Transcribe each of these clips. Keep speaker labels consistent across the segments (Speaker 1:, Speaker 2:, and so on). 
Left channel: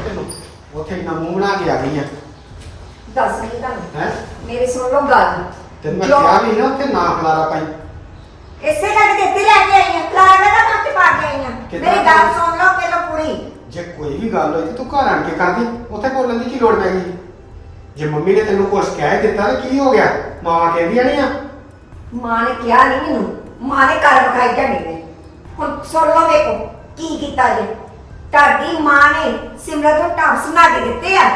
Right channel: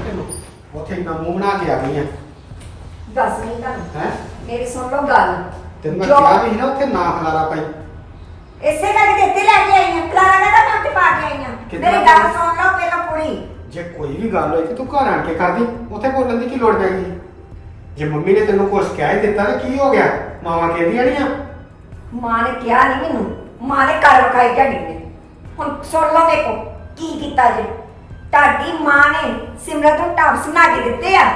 Speaker 1: ਤੈਨੂੰ ਉੱਥੇ ਇੰਨਾ ਮੂੰਹ ਬਣਾ ਕੇ ਆ ਗਈ ਆ
Speaker 2: ਦੱਸ ਨਹੀਂ ਤੁਹਾਨੂੰ
Speaker 1: ਹੈ
Speaker 2: ਮੇਰੀ ਸੁਣ ਲਓ ਗੱਲ
Speaker 1: ਤੈਨੂੰ ਮੈਂ
Speaker 2: ਜੋ-
Speaker 1: ਕਿਹਾ ਵੀ ਸੀ ਨਾ ਉੱਥੇ ਨਾ ਖਲਾਰਾ ਪਾਈ
Speaker 2: ਇਸੇ ਕਰਕੇ ਤੇ ਇੱਥੇ ਲੈ ਕੇ ਆਈ ਹਾਂ ਕਲਾਰਾ ਦਾ ਮੈਂ ਉੱਥੇ ਪਾ ਕੇ ਆਈ ਹਾਂ
Speaker 1: ਕਿੱਦਾਂ?
Speaker 2: ਮੇਰੀ ਗੱਲ ਸੁਣ ਲਓ ਪਹਿਲਾਂ ਪੂਰੀ
Speaker 1: ਜੇ ਕੋਈ ਵੀ ਗੱਲ ਹੋਈ ਤੇ ਤੂੰ ਘਰ ਆਣ ਕੇ ਕਰਦੀ ਉੱਥੇ ਬੋਲਣ ਦੀ ਕੀ ਲੋੜ ਪੈ ਗਈ ਜੇ ਮੰਮੀ ਨੇ ਤੈਨੂੰ ਕੁਛ ਕਹਿ ਹੀ ਦਿੱਤਾ ਤਾਂ ਕੀ ਹੋ ਗਿਆ ਮਾਵਾਂ ਕਹਿੰਦੀਆਂ ਨਹੀਂ ਆ
Speaker 2: ਮਾਂ ਨੇ ਕਿਹਾ ਨਹੀਂ ਮੈਨੂੰ ਮਾਂ ਨੇ ਘਰ ਵਿਖਾਈ ਤੁਹਾਡੀ ਨੇ ਹੁਣ ਸੁਣ ਲਓ ਵੇਖੋ ਕੀ ਕੀਤਾ ਜੇ ਤੁਹਾਡੀ ਮਾਂ ਨੇ ਸਿਮਰਤ ਨੂੰ ਟਾਪਸ ਬਣਾ ਕੇ ਦਿੱਤੇ ਆ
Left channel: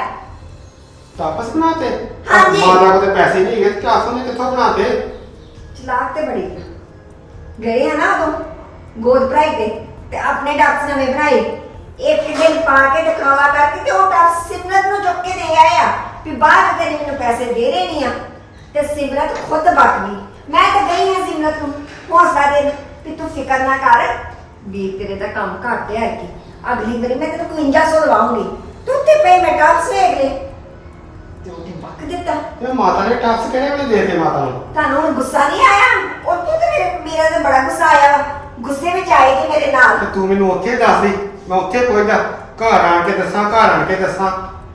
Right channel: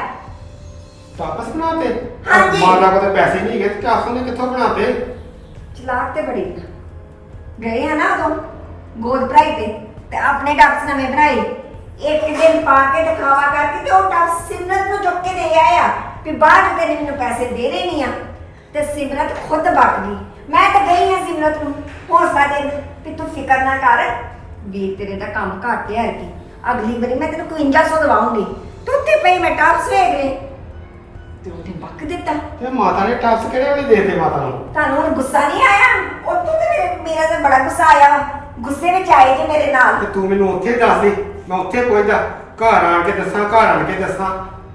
Speaker 1: ਤਾਪਸ ਬਣਾਤੇ
Speaker 2: ਹਾਂਜੀ।
Speaker 1: ਮਾਂ ਕੋਲ ਪੈਸੇ ਨਹੀਂ ਹੈਗੇ ਟਾਪਸ ਨੇ ਕਿੱਥੋਂ ਬਣਾਤੇ
Speaker 2: ਚਲਾਕ ਤੇ ਬੜੀ ਆ। ਗਏ ਆ ਨਾ ਉਦੋਂ ਗੋਦ ਭਰਾਈ ਤੇ ਆਪਣੇ ਟਾਪਸ ਨਵੇਂ ਬਣਾਏ ਇੱਕ ਦਿਨ ਪਾ ਕੇ ਦਿਖਾਵਾ ਕਰਕੇ ਤੇ ਉਹ ਟਾਪਸ ਸਿਮਰਤ ਨੂੰ ਚੁੱਕ ਕੇ ਦੇ ਆਇਆ ਵੀ ਬਾਅਦ ਤੇ ਮੈਨੂੰ ਪੈਸੇ ਦੇ ਰਹੇ ਨਹੀਂ ਆ ਤੇ ਸਿਮਰਤ ਖੁਦ ਬਕ ਗਈ ਮੈਂ ਤਾਂ ਗਈ ਹਾਂ ਸਿਮਰਤ ਨੂੰ ਹੌਸਲਾ ਦੇਣ ਵੀ ਤੂੰ ਫਿਕਰ ਨਾ ਕਰ ਵੀ ਤੇਰੇ ਦਾ ਕੰਮ ਘੱਟ ਹੈ ਕਿ ਅਗਲੀ ਵਾਰੀ ਮੈਂ ਤੈਨੂੰ 5100 ਦਵਾਉਂਗੀ ਤੂੰ ਉੱਥੇ ਪਈ ਮੈਂ ਟਾਪਸ ਵੇਖ ਲੈ ਤੇ ਉਹਨੇ ਬਕ ਦਿੱਤਾ
Speaker 1: ਤੇ ਮਾਤਾ ਨੇ ਟਾਪਸ ਕਿਹੜੇ ਵੇਲੇ ਦੇਤੇ ਮਾਤਾ ਨੂੰ
Speaker 2: ਤੁਹਾਨੂੰ ਹੁਣ ਗੁੱਸਾ ਨਹੀਂ ਆਇਆ ਉੱਥੋਂ ਤੇ ਮੇਰਾ ਤਾਂ ਬੜਾ ਗੁੱਸਾ ਆਇਆ ਵਾ ਗੁੱਸੇ ਵਿੱਚ ਆਏ ਜੇ ਮੇਰੇ ਨਾਲ
Speaker 1: ਤੇ ਤੂੰ ਮੈਨੂੰ ਉੱਥੇ ਦੱਸ ਦੇ ਮੈਂ ਉੱਥੇ ਪਹੁੰਚਦਾ ਘਰ ਆਣ ਕੇ ਦੱਸਾਂ ਘਰ ਆਣ ਕੇ ਦੱਸਾਂ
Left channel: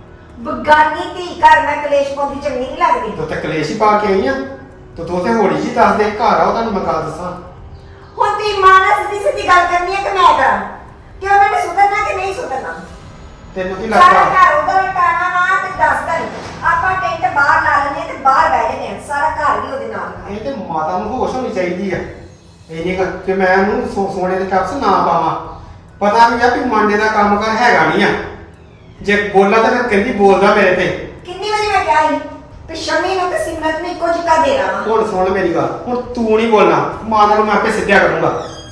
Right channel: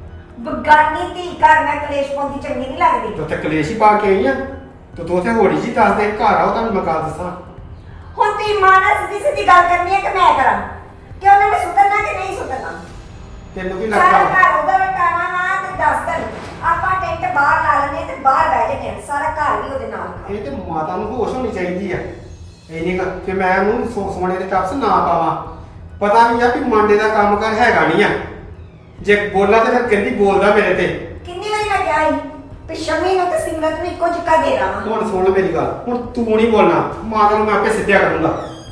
Speaker 2: ਬਗਾਨੀ ਧੀ ਘਰ ਮੈਂ ਕਲੇਸ਼ ਪਾਉਂਦੀ ਚੰਗੀ ਨਹੀਂ ਲੱਗਦੀ
Speaker 1: ਤੂੰ ਤੇ ਕਲੇਸ਼ ਹੀ ਪਾ ਕੇ ਆਈ ਆ ਤੇ ਤੂੰ ਉੱਥੇ ਹੋੜੀ ਜੀ ਦੱਸ ਦੇ ਘਰ ਆਓ ਤੁਹਾਨੂੰ ਮੈਂ ਗੱਲ ਦੱਸਾਂ
Speaker 2: ਹੁਣ ਤੀ ਮਾਂ ਨਾਲ ਸਿੱਧੀ ਸਿੱਧੀ ਗੱਲ ਕਰਨੀ ਹੈ ਕਿ ਮੈਂ ਕਰਾਂ ਕਿ ਉਹਨਾਂ ਨੇ ਸੁਧਰਨਾ ਕਿ ਨਹੀਂ ਸੁਧਰਨਾ
Speaker 1: ਤੈਨੂੰ ਕੀ
Speaker 2: ਸਾਰਾ
Speaker 1: ਲੱਗਦਾ
Speaker 2: ਘਰ ਉਹਦਾ ਟਾਣਾ ਨਾ ਤੇ ਦੱਸ ਕਰ ਆਪਾਂ ਟੈਂਟ ਬਾਹਰ ਲਾ ਲੈਣੇ ਤੇ ਬਾਹਰ ਬਹਿ ਜੰਨੇ ਸਾਰਾ ਘਰ ਵੀ ਉਹਦੇ ਨਾਲ
Speaker 1: ਇਹ ਤੇ ਮਾਤਾ ਨੂੰ ਹੋਸ਼ ਹੋਣੀ ਚਾਹੀਦੀ ਆ ਇਹ ਨਹੀਂ ਕਿ ਮੈਂ ਉਹਨੂੰ ਸੋਨੇ ਦੇ ਟੱਪਸ ਨਾ ਪਾਵਾਂ ਪਤਾ ਨਹੀਂ ਆ ਵੀ ਮਾਂਡੇ ਦਾ ਕੰਮ ਕਰ ਹੈਗਾ ਨਹੀਂ ਆ ਜੇ ਬੋਲਾਂ ਤਾਂ ਫਿਰ ਕਹਿੰਦੀ ਬੋਲਦਾ ਮੇਰੇ ਤੇ
Speaker 2: ਕਿੰਨੀ ਵਾਰੀ ਮੈਂ ਕਿਹਾ ਸੀ ਵੀ ਸ਼ਮੀ ਨੂੰ ਤੇ ਸਿਮਰਤ ਨੂੰ ਇੱਕੋ ਜਿਹਾ ਦੇ ਰਹਾ
Speaker 1: ਹੁਣ ਸੁਣ ਲੈ ਮੇਰੀ ਗੱਲ ਹੁਣ ਤੂੰ ਨਹੀਂ ਬੋਲਣਾ ਮਾਤਾ ਨੂੰ ਮੈਂ ਆਪੇ ਸਿੱਧਿਆ ਕਰੂੰਗਾ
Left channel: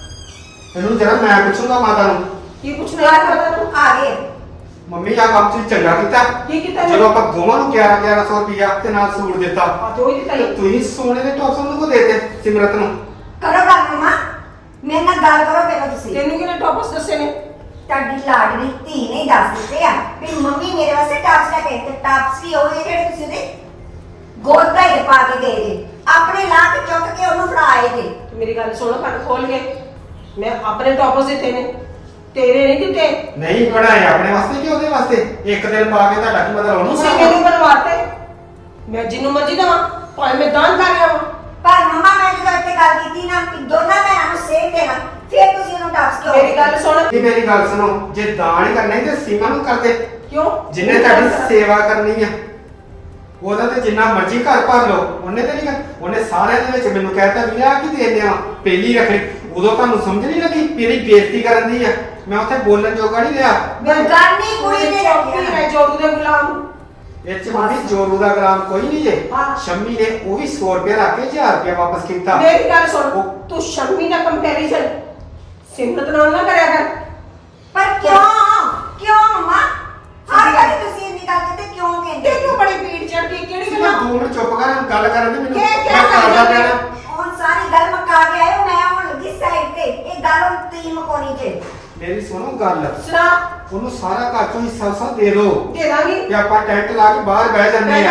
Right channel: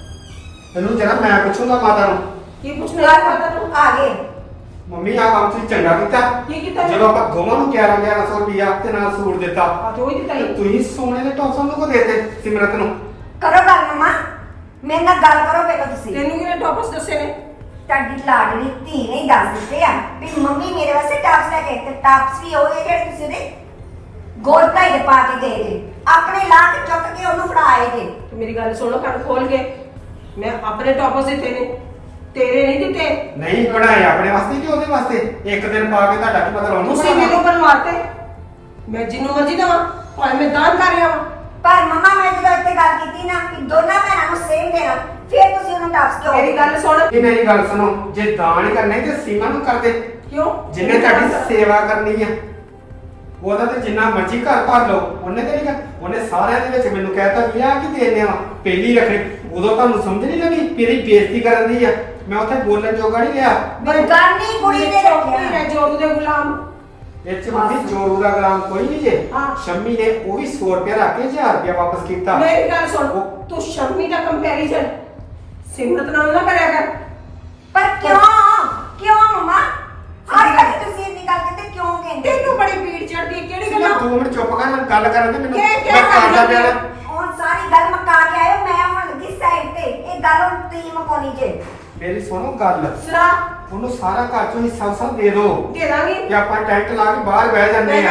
Speaker 1: ਇਹਨੂੰ ਜਰਾ ਮੈਂ ਪੁੱਛੂੰਗਾ ਮਾਤਾ ਨੂੰ
Speaker 3: ਕੀ ਪੁੱਛਣਾ
Speaker 2: ਤੂੰ ਆ ਗਏ
Speaker 1: ਮੰਮੀ ਆ ਕੰਮ ਤੁਸੀਂ ਚੰਗਾ ਕੀਤਾ
Speaker 3: ਕੀ ਕੀਤਾ
Speaker 1: ਜਦੋਂ ਆਪਾਂ ਦੋਵਾਂ ਨੂੰ 1100 ਰੁਪਇਆ ਤੇ ਨਾਲ ਸੂਟ ਦਿੱਤਾ
Speaker 3: ਦੋ ਹੀ ਦਿੱਤਾ
Speaker 1: ਤੇ ਤੁਸੀਂ ਸੋਨੇ ਦੇ ਟੌਪਸ ਉਹਨੂੰ ਕੋ ਦੇਤੇ ਸਿਮਰਤ ਨੂੰ
Speaker 2: ਕਰੋ ਗੱਲ ਮਮਾ ਮੇਰੇ ਨਾਲ ਗੱਲ ਕਰੋ ਪਹਿਲਾਂ ਤੁਸੀਂ
Speaker 3: ਤੈਨੂੰ ਕਿਹਨੇ ਟੌਪਸ ਦੱਸੇ ਨੇ
Speaker 2: ਤੁਹਾਡੀ ਲਾਡਲੀ ਧੀ ਨੇ ਦੱਸ ਦਿੱਤੇ ਆ ਵੀ ਮੰਮੀ ਮੇਰੇ ਵਾਸਤੇ ਟਾਪਸ ਲੈ ਕੇ ਤੇ ਟਾਪਸ ਵੀ ਉਹ ਜਿਹੜੇ ਤੁਸੀਂ ਉਹਦੇ ਗੋਦ ਭਾਈ ਦੇ ਪਾ ਕੇ ਗਏ ਜੇ ਆਪਣੇ ਲਾ ਕੇ ਚੁੱਕ ਕੇ ਉਹਨੂੰ ਫੜਾਏ ਜੇ
Speaker 3: ਤੂੰ ਮੇਰੀ ਗੱਲ ਸੁਣ ਕੰਨ ਖੋਲ ਕੇ ਮੈਂ ਆਪਣੇ ਟੌਪਸ ਦਿੱਤੇ ਨੇ ਤੇਰੇ ਨਹੀਂ ਦਿੱਤੇ
Speaker 1: ਨਹੀਂ ਬਣਾਏ ਆਪਣੇ ਵਾਸਤੇ ਕਿ ਉਹਦੇ ਵਾਸਤੇ ਇੱਕ ਦਿਨ ਪਾ ਕੇ ਤੁਹਾਡਾ ਕੀ ਮਤਲਬ ਉਹਨੂੰ
Speaker 3: ਤੁਸੀਂ ਮੈਨੂੰ ਬਣਵਾਤੇ ਮੈਂ ਜਿਹਨੂੰ ਮਰਜ਼ੀ ਦਵਾਂ ਭਾਵੇਂ ਮੈਂ ਦਾਨ ਕਰ ਲਿਆਵਾਂ
Speaker 2: ਪਰ ਮਮਾ ਮੈਂ ਜਦੋਂ ਇੱਥੇ ਗੱਲ ਕੀਤੀ ਨਾ ਕਿ ਦੋਨਾਂ ਭੈਣਾਂ ਨੂੰ ਸੇਮ ਦੇਣਾ ਫਿਰ ਤੁਸੀਂ ਉਹਨੂੰ ਟਾਪਸ ਕਿਉਂ
Speaker 3: ਮੇਰੀ ਗੱਲ ਸੁਣ
Speaker 1: ਇਹ ਮੇਰੀ ਗੱਲ ਸੁਣੋ ਜੇ ਦਾਨ ਕਰਨੇ ਤੇ ਸੀਮਾ ਨੂੰ ਕਰਦੇ
Speaker 3: ਕਿਉਂ
Speaker 1: ਜਿੰਨੇ ਤੁਹਾਡੀ ਸੇਵਾ ਕਰਨੀ ਆ ਉਹਦਾ ਤੇ ਜਿੰਨਾ ਮਰਜ਼ੀ ਘਰ ਭਰ ਲਓ ਉਹਨੇ ਤੇ ਨਹੀਂ ਕਰ ਉਹਨੇ ਸਾਰਿਆਂ ਦੇ ਵਿੱਚ ਮੈਨੂੰ ਕਹਿਤਾ ਵੀ ਆ ਕੀ ਦੇ ਲਿਆ ਪਹਿਲੀ ਰੱਖੜੀ ਉਦੋਂ ਤੁਹਾਨੂੰ ਸਮਝ ਨਹੀਂ ਲੱਗੀ ਮੇਰੀ ਬੇਇੱਜ਼ਤੀ ਕਰਨ ਦੀ ਆ ਮੈਂ ਉੱਥੇ ਬੋਲਣ ਜੋਗਾ ਨਹੀਂ ਰਿਹਾ
Speaker 2: ਬਗਾਨੀ ਕੁੜੀ ਨੇ ਰੱਖਿਆ
Speaker 3: ਮੈਂ ਜੋਰੂ ਦੇ ਗੁਲਾਮ
Speaker 1: ਇਹ ਚ ਮੰਮੀ ਜੋਰੂ ਦਾ ਗੁਲਾਮ ਕੋਈ ਨਹੀਂ ਜੇ
Speaker 3: ਹਾਂ।
Speaker 1: ਸ਼ੰਮੀ ਨੇ ਉਹ ਵੀ 100 ਰੁਪਏ ਰੱਖ ਕੇ 1000 ਰੁਪਏ ਵਾਪਸ ਕੀਤਾ
Speaker 3: ਮੇਰੀ ਗੱਲ ਸੁਣ ਤੂੰ ਸ਼ਰਮੀ ਦਾ ਕੰਪੈਰੀਜ਼ਨ ਸਿਮਰਤ ਨਾਲ ਨਾ ਕਰਿਆ ਕਰ
Speaker 2: ਪਰ ਕਿਉਂ ਮਮਾ ਹਰ ਵਾਰ ਤੁਸੀਂ ਇੰਨੀ ਗੱਲ ਕਰਦੇ ਕਿਉਂ ਕਹਿੰਦੇ
Speaker 3: ਤੈਨੂੰ ਬੜੀ ਪੀੜ ਚੜਦੀ ਕਿਹੜੀ
Speaker 1: ਮੈਂ
Speaker 3: ਗੱਲਾਂ
Speaker 1: 2 ਮਿੰਟ ਚੁੱਪ ਕਰ ਗੱਲ ਕਰਨ ਦੇ ਮੈਨੂੰ
Speaker 3: ਇਹ
Speaker 1: ਮੈਂ ਕਰਦਾ ਪਿਆ ਨਾ
Speaker 2: ਹੁਣ ਸਾਰੀ ਗੱਲ ਮਕਾ ਕੇ ਆਇਓ ਮੈਂ ਹੁਣ ਲੱਗੀ ਸਾਈਡ ਤੇ ਇਹ ਗੱਲ ਹੁਣ ਤੀ ਮਕਾਉਣੀ ਜੇ
Speaker 1: ਮੇਰੀ ਸੁਣੋ ਗੱਲ
Speaker 3: ਸੁਣਾ
Speaker 1: ਉਹਨੂੰ ਸਾਰਾ ਘਰ ਚੋਂ ਹਿੱਸਾ ਹਿੱਸਾ ਦੇ ਦਿਓ
Speaker 3: ਦੇ ਦਾਂਗੀ
Speaker 1: ਕਿ ਆਪਾਂ ਟੈਂਟ ਲਾ ਕੇ ਬਾਹਰ ਬਹਿ ਜਾਂਦੇ ਆ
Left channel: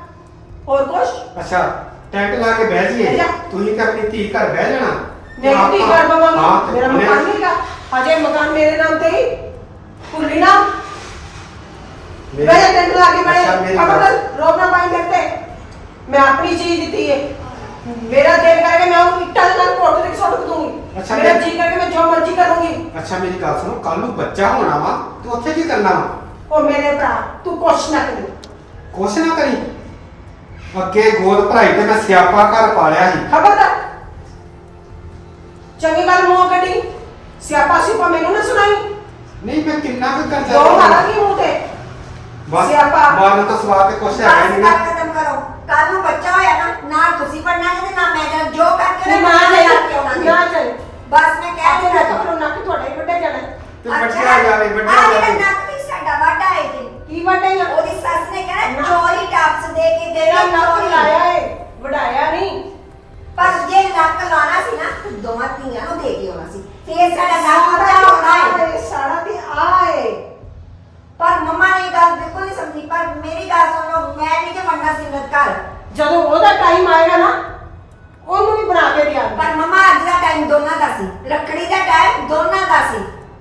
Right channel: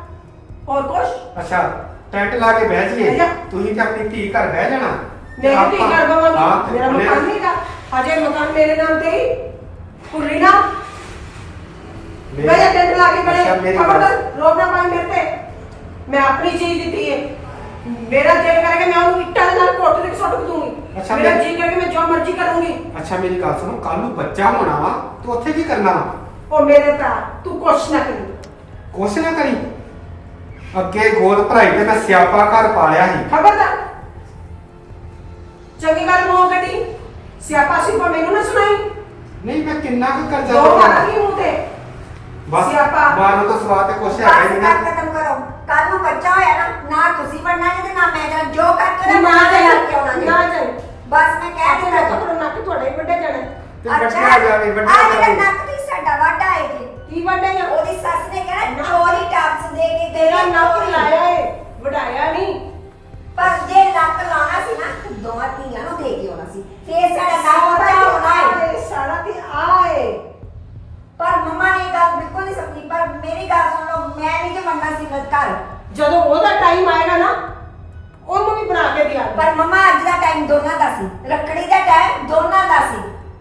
Speaker 3: ਹੋਰ ਕੁਛ
Speaker 1: ਅੱਛਾ ਟੈਂਟ ਲਾ ਕੇ ਬਹਿ
Speaker 3: ਬਹਿ
Speaker 1: ਜਾਈਏ
Speaker 3: ਜਾ।
Speaker 1: ਤੁਸੀਂ ਕਿ ਆਪਣੀ ਧੀ ਘਰ ਬਹਿ ਜਾਣਾ
Speaker 3: ਨਹੀਂ ਤੀ
Speaker 1: ਆਪਾਂ-
Speaker 3: ਕਰ ਬਵਾਂਗੀ
Speaker 1: ਹਾਂ, ਤੇ
Speaker 3: ਮੇਰਾ
Speaker 1: ਉਹਨੇ-
Speaker 3: ਮਕਾਨ ਨਹੀਂਗਾ ਅਜੇ ਮਕਾਨ ਮੇਰੇ ਨਾਮ ਤੇ ਹੀ ਭੁੱਲੀ ਨਾ
Speaker 1: ਮੇਰੀ-
Speaker 3: ਮੇਰੇ ਟੈਂਟ ਲਾ ਕੇ ਬੜੇ
Speaker 1: ਅੱਛਾ, ਮੇਰੀ
Speaker 3: ਖਬਰ
Speaker 1: ਗੱਲ-
Speaker 3: ਰੋਣਾ ਪਾਈ ਕਰਤੇ ਮੈਂ ਆਪਣੀ ਚੀਜ਼ ਦਿੱਤੀ ਹੈ ਮੇਰਾ ਦਿਲ ਕਰਕੇ ਮੈਂ ਉਹਨੂੰ ਇੱਟਾਂ ਦੇ ਨਾਲ ਕੋਟ ਦੇ ਸੁੱਟ ਦੂੰਗੀ
Speaker 1: ਅੱਛਾ,
Speaker 3: ਮੇਰਾ
Speaker 1: ਮੈਂ-
Speaker 3: ਜੀ ਕਰਕੇ ਮੈਂ ਜੋ ਮਰਜ਼ੀ ਕਰੂੰਗੀ
Speaker 1: ਅੱਛਾ ਮੇਰੀ ਗੱਲ ਸੁਣੋ ਕੱਲ ਨੂੰ ਬੱਚਾ ਹੋਣਾ ਵਾ ਤੂੰ ਉੱਥੇ ਕੀ ਕਰਨਾ ਵਾ
Speaker 3: ਉਹ ਮੇਰੇ ਭਰਾ ਤੂੰ ਕੁਛ ਨਾ ਕਰੀ
Speaker 1: ਕੁਛ ਨਾ ਕਰੀ ਅੱਗੇ ਗੋਦ ਭਰਾਈ ਤੇ ਮੈਂ ਸਿਆਪਾ ਘਰ ਪਾਲਿਆ ਸੀ
Speaker 3: ਖਬਰਦਾਰ ਚੰਗੀ ਗੱਲ ਮੂੰਹ ਕੱਢੀ ਸਿਆਪਾ ਸਿਪਾ ਮੈਨੂੰ ਨਾ ਸੁਣਾਈ
Speaker 1: ਨਹੀਂ ਮੈਂ ਕਿੰਨਾ ਕੁ ਕਰਜ਼ਾ
Speaker 3: ਦੋ
Speaker 1: ਚੁਕਾਉਣਾ?
Speaker 3: ਮਾਰਾਂਗੀ ਮੂੰਹ ਤੇ
Speaker 1: ਬਸ
Speaker 3: ਸਿਆਪਾ।
Speaker 1: ਮਾਰਨ ਤੋਂ ਸਵਾਦ ਤੇ ਕੁਛ ਹੈਗਾ ਹੀ
Speaker 2: ਬਸ
Speaker 1: ਨਹੀਂ
Speaker 2: ਗੱਲ ਖਤਮ ਕਰੋ ਕੱਲ ਨੂੰ ਬੱਚਾ ਹੋਇਆ ਨਾ ਤੁਸੀਂ ਪੜਨਾ ਜੇ ਤੇ ਨਾ ਮੈਂ ਜਾਣਾ ਜੋ ਕਰਕੇ
Speaker 3: ਤੂੰ
Speaker 2: ਨਾ
Speaker 3: ਨਾ
Speaker 2: ਮੈਂ
Speaker 3: ਚੱਲ
Speaker 2: ਕੇ ਆਉਣਾ ਜੀ।
Speaker 3: ਨਾ ਚੱਲ
Speaker 2: ਬਸ ਮੈਂ ਕਹਿ
Speaker 3: ਆਪਣੇ
Speaker 2: ਦਿੱਤਾ
Speaker 3: ਨੱਕ ਤੋਂ ਨੱਕ ਤੁਹਾਡੇ ਹੀ ਵੱਡੇ ਜਾਣਾ
Speaker 1: ਤੇ ਵੱਡਿਆ ਜਾਵੇ ਵੱਡਿਆ
Speaker 2: ਆ ਜਿਹੜਾ
Speaker 1: ਜਾਵੇ
Speaker 2: ਨੱਕ ਵੀ ਸਾਡਾ ਵਾਢਾ ਹੈ ਜੀ
Speaker 3: ਕੀ ਵੱਡੇ ਆ
Speaker 2: ਉਹਦੀ ਸੱਸ ਨੇ ਕਹਿਣਾ ਚੋਰੀ ਟਾਪਸ ਦੇ ਕੇ
Speaker 3: ਤੇਰਾ
Speaker 2: ਦੇਣਾ
Speaker 3: ਨੱਕ
Speaker 2: ਚੋਰੀ
Speaker 3: ਲਾਇਆ ਏ ਵਡਾਇਆ ਨਹੀਂ
Speaker 2: ਪਰ ਜੇ ਨੱਕ ਲਾਣਾ ਸੀ ਨਾ ਤੇ ਦੋਵਾਂ ਧੀਆਂ ਨੂੰ ਦੇ ਕੇ ਆਉਣਾ ਸੀ ਫੇਰ ਸਾਡਾ ਨੱਕ ਉੱਚਾ ਹੋਣਾ ਹੈ
Speaker 3: ਸਾਡਾ ਤੇ ਆਏ
Speaker 2: ਪਰ ਮੰਮਾ ਨੇ ਇਹ ਗੱਲ ਬਿਲਕੁਲ ਨਹੀਂ ਸਮਝੀ ਪਰ ਮੇਰੀ ਗੱਲ ਸੁਣ ਲਓ ਮੈਂ ਨਹੀਂ ਜੇ ਮੰਨਣਾ ਸੀ ਮਤ ਘਰ
Speaker 3: ਜਦੋਂ ਉਹਦਾ ਟਾਈਮ ਆਏਗਾ ਨਾ ਉਹਨੂੰ ਵੀ ਬਣਾ ਕੇ ਦਿਆ
Speaker 2: ਪਰ ਮੰਮਾ ਅੱਜ ਦਾ ਟਾਈਮ ਦੋਨਾਂ ਦਾ ਸੀ ਰੱਖੜੀ ਦਾ ਟਾਈਮ ਦੋਨਾਂ ਦਾ ਸੀ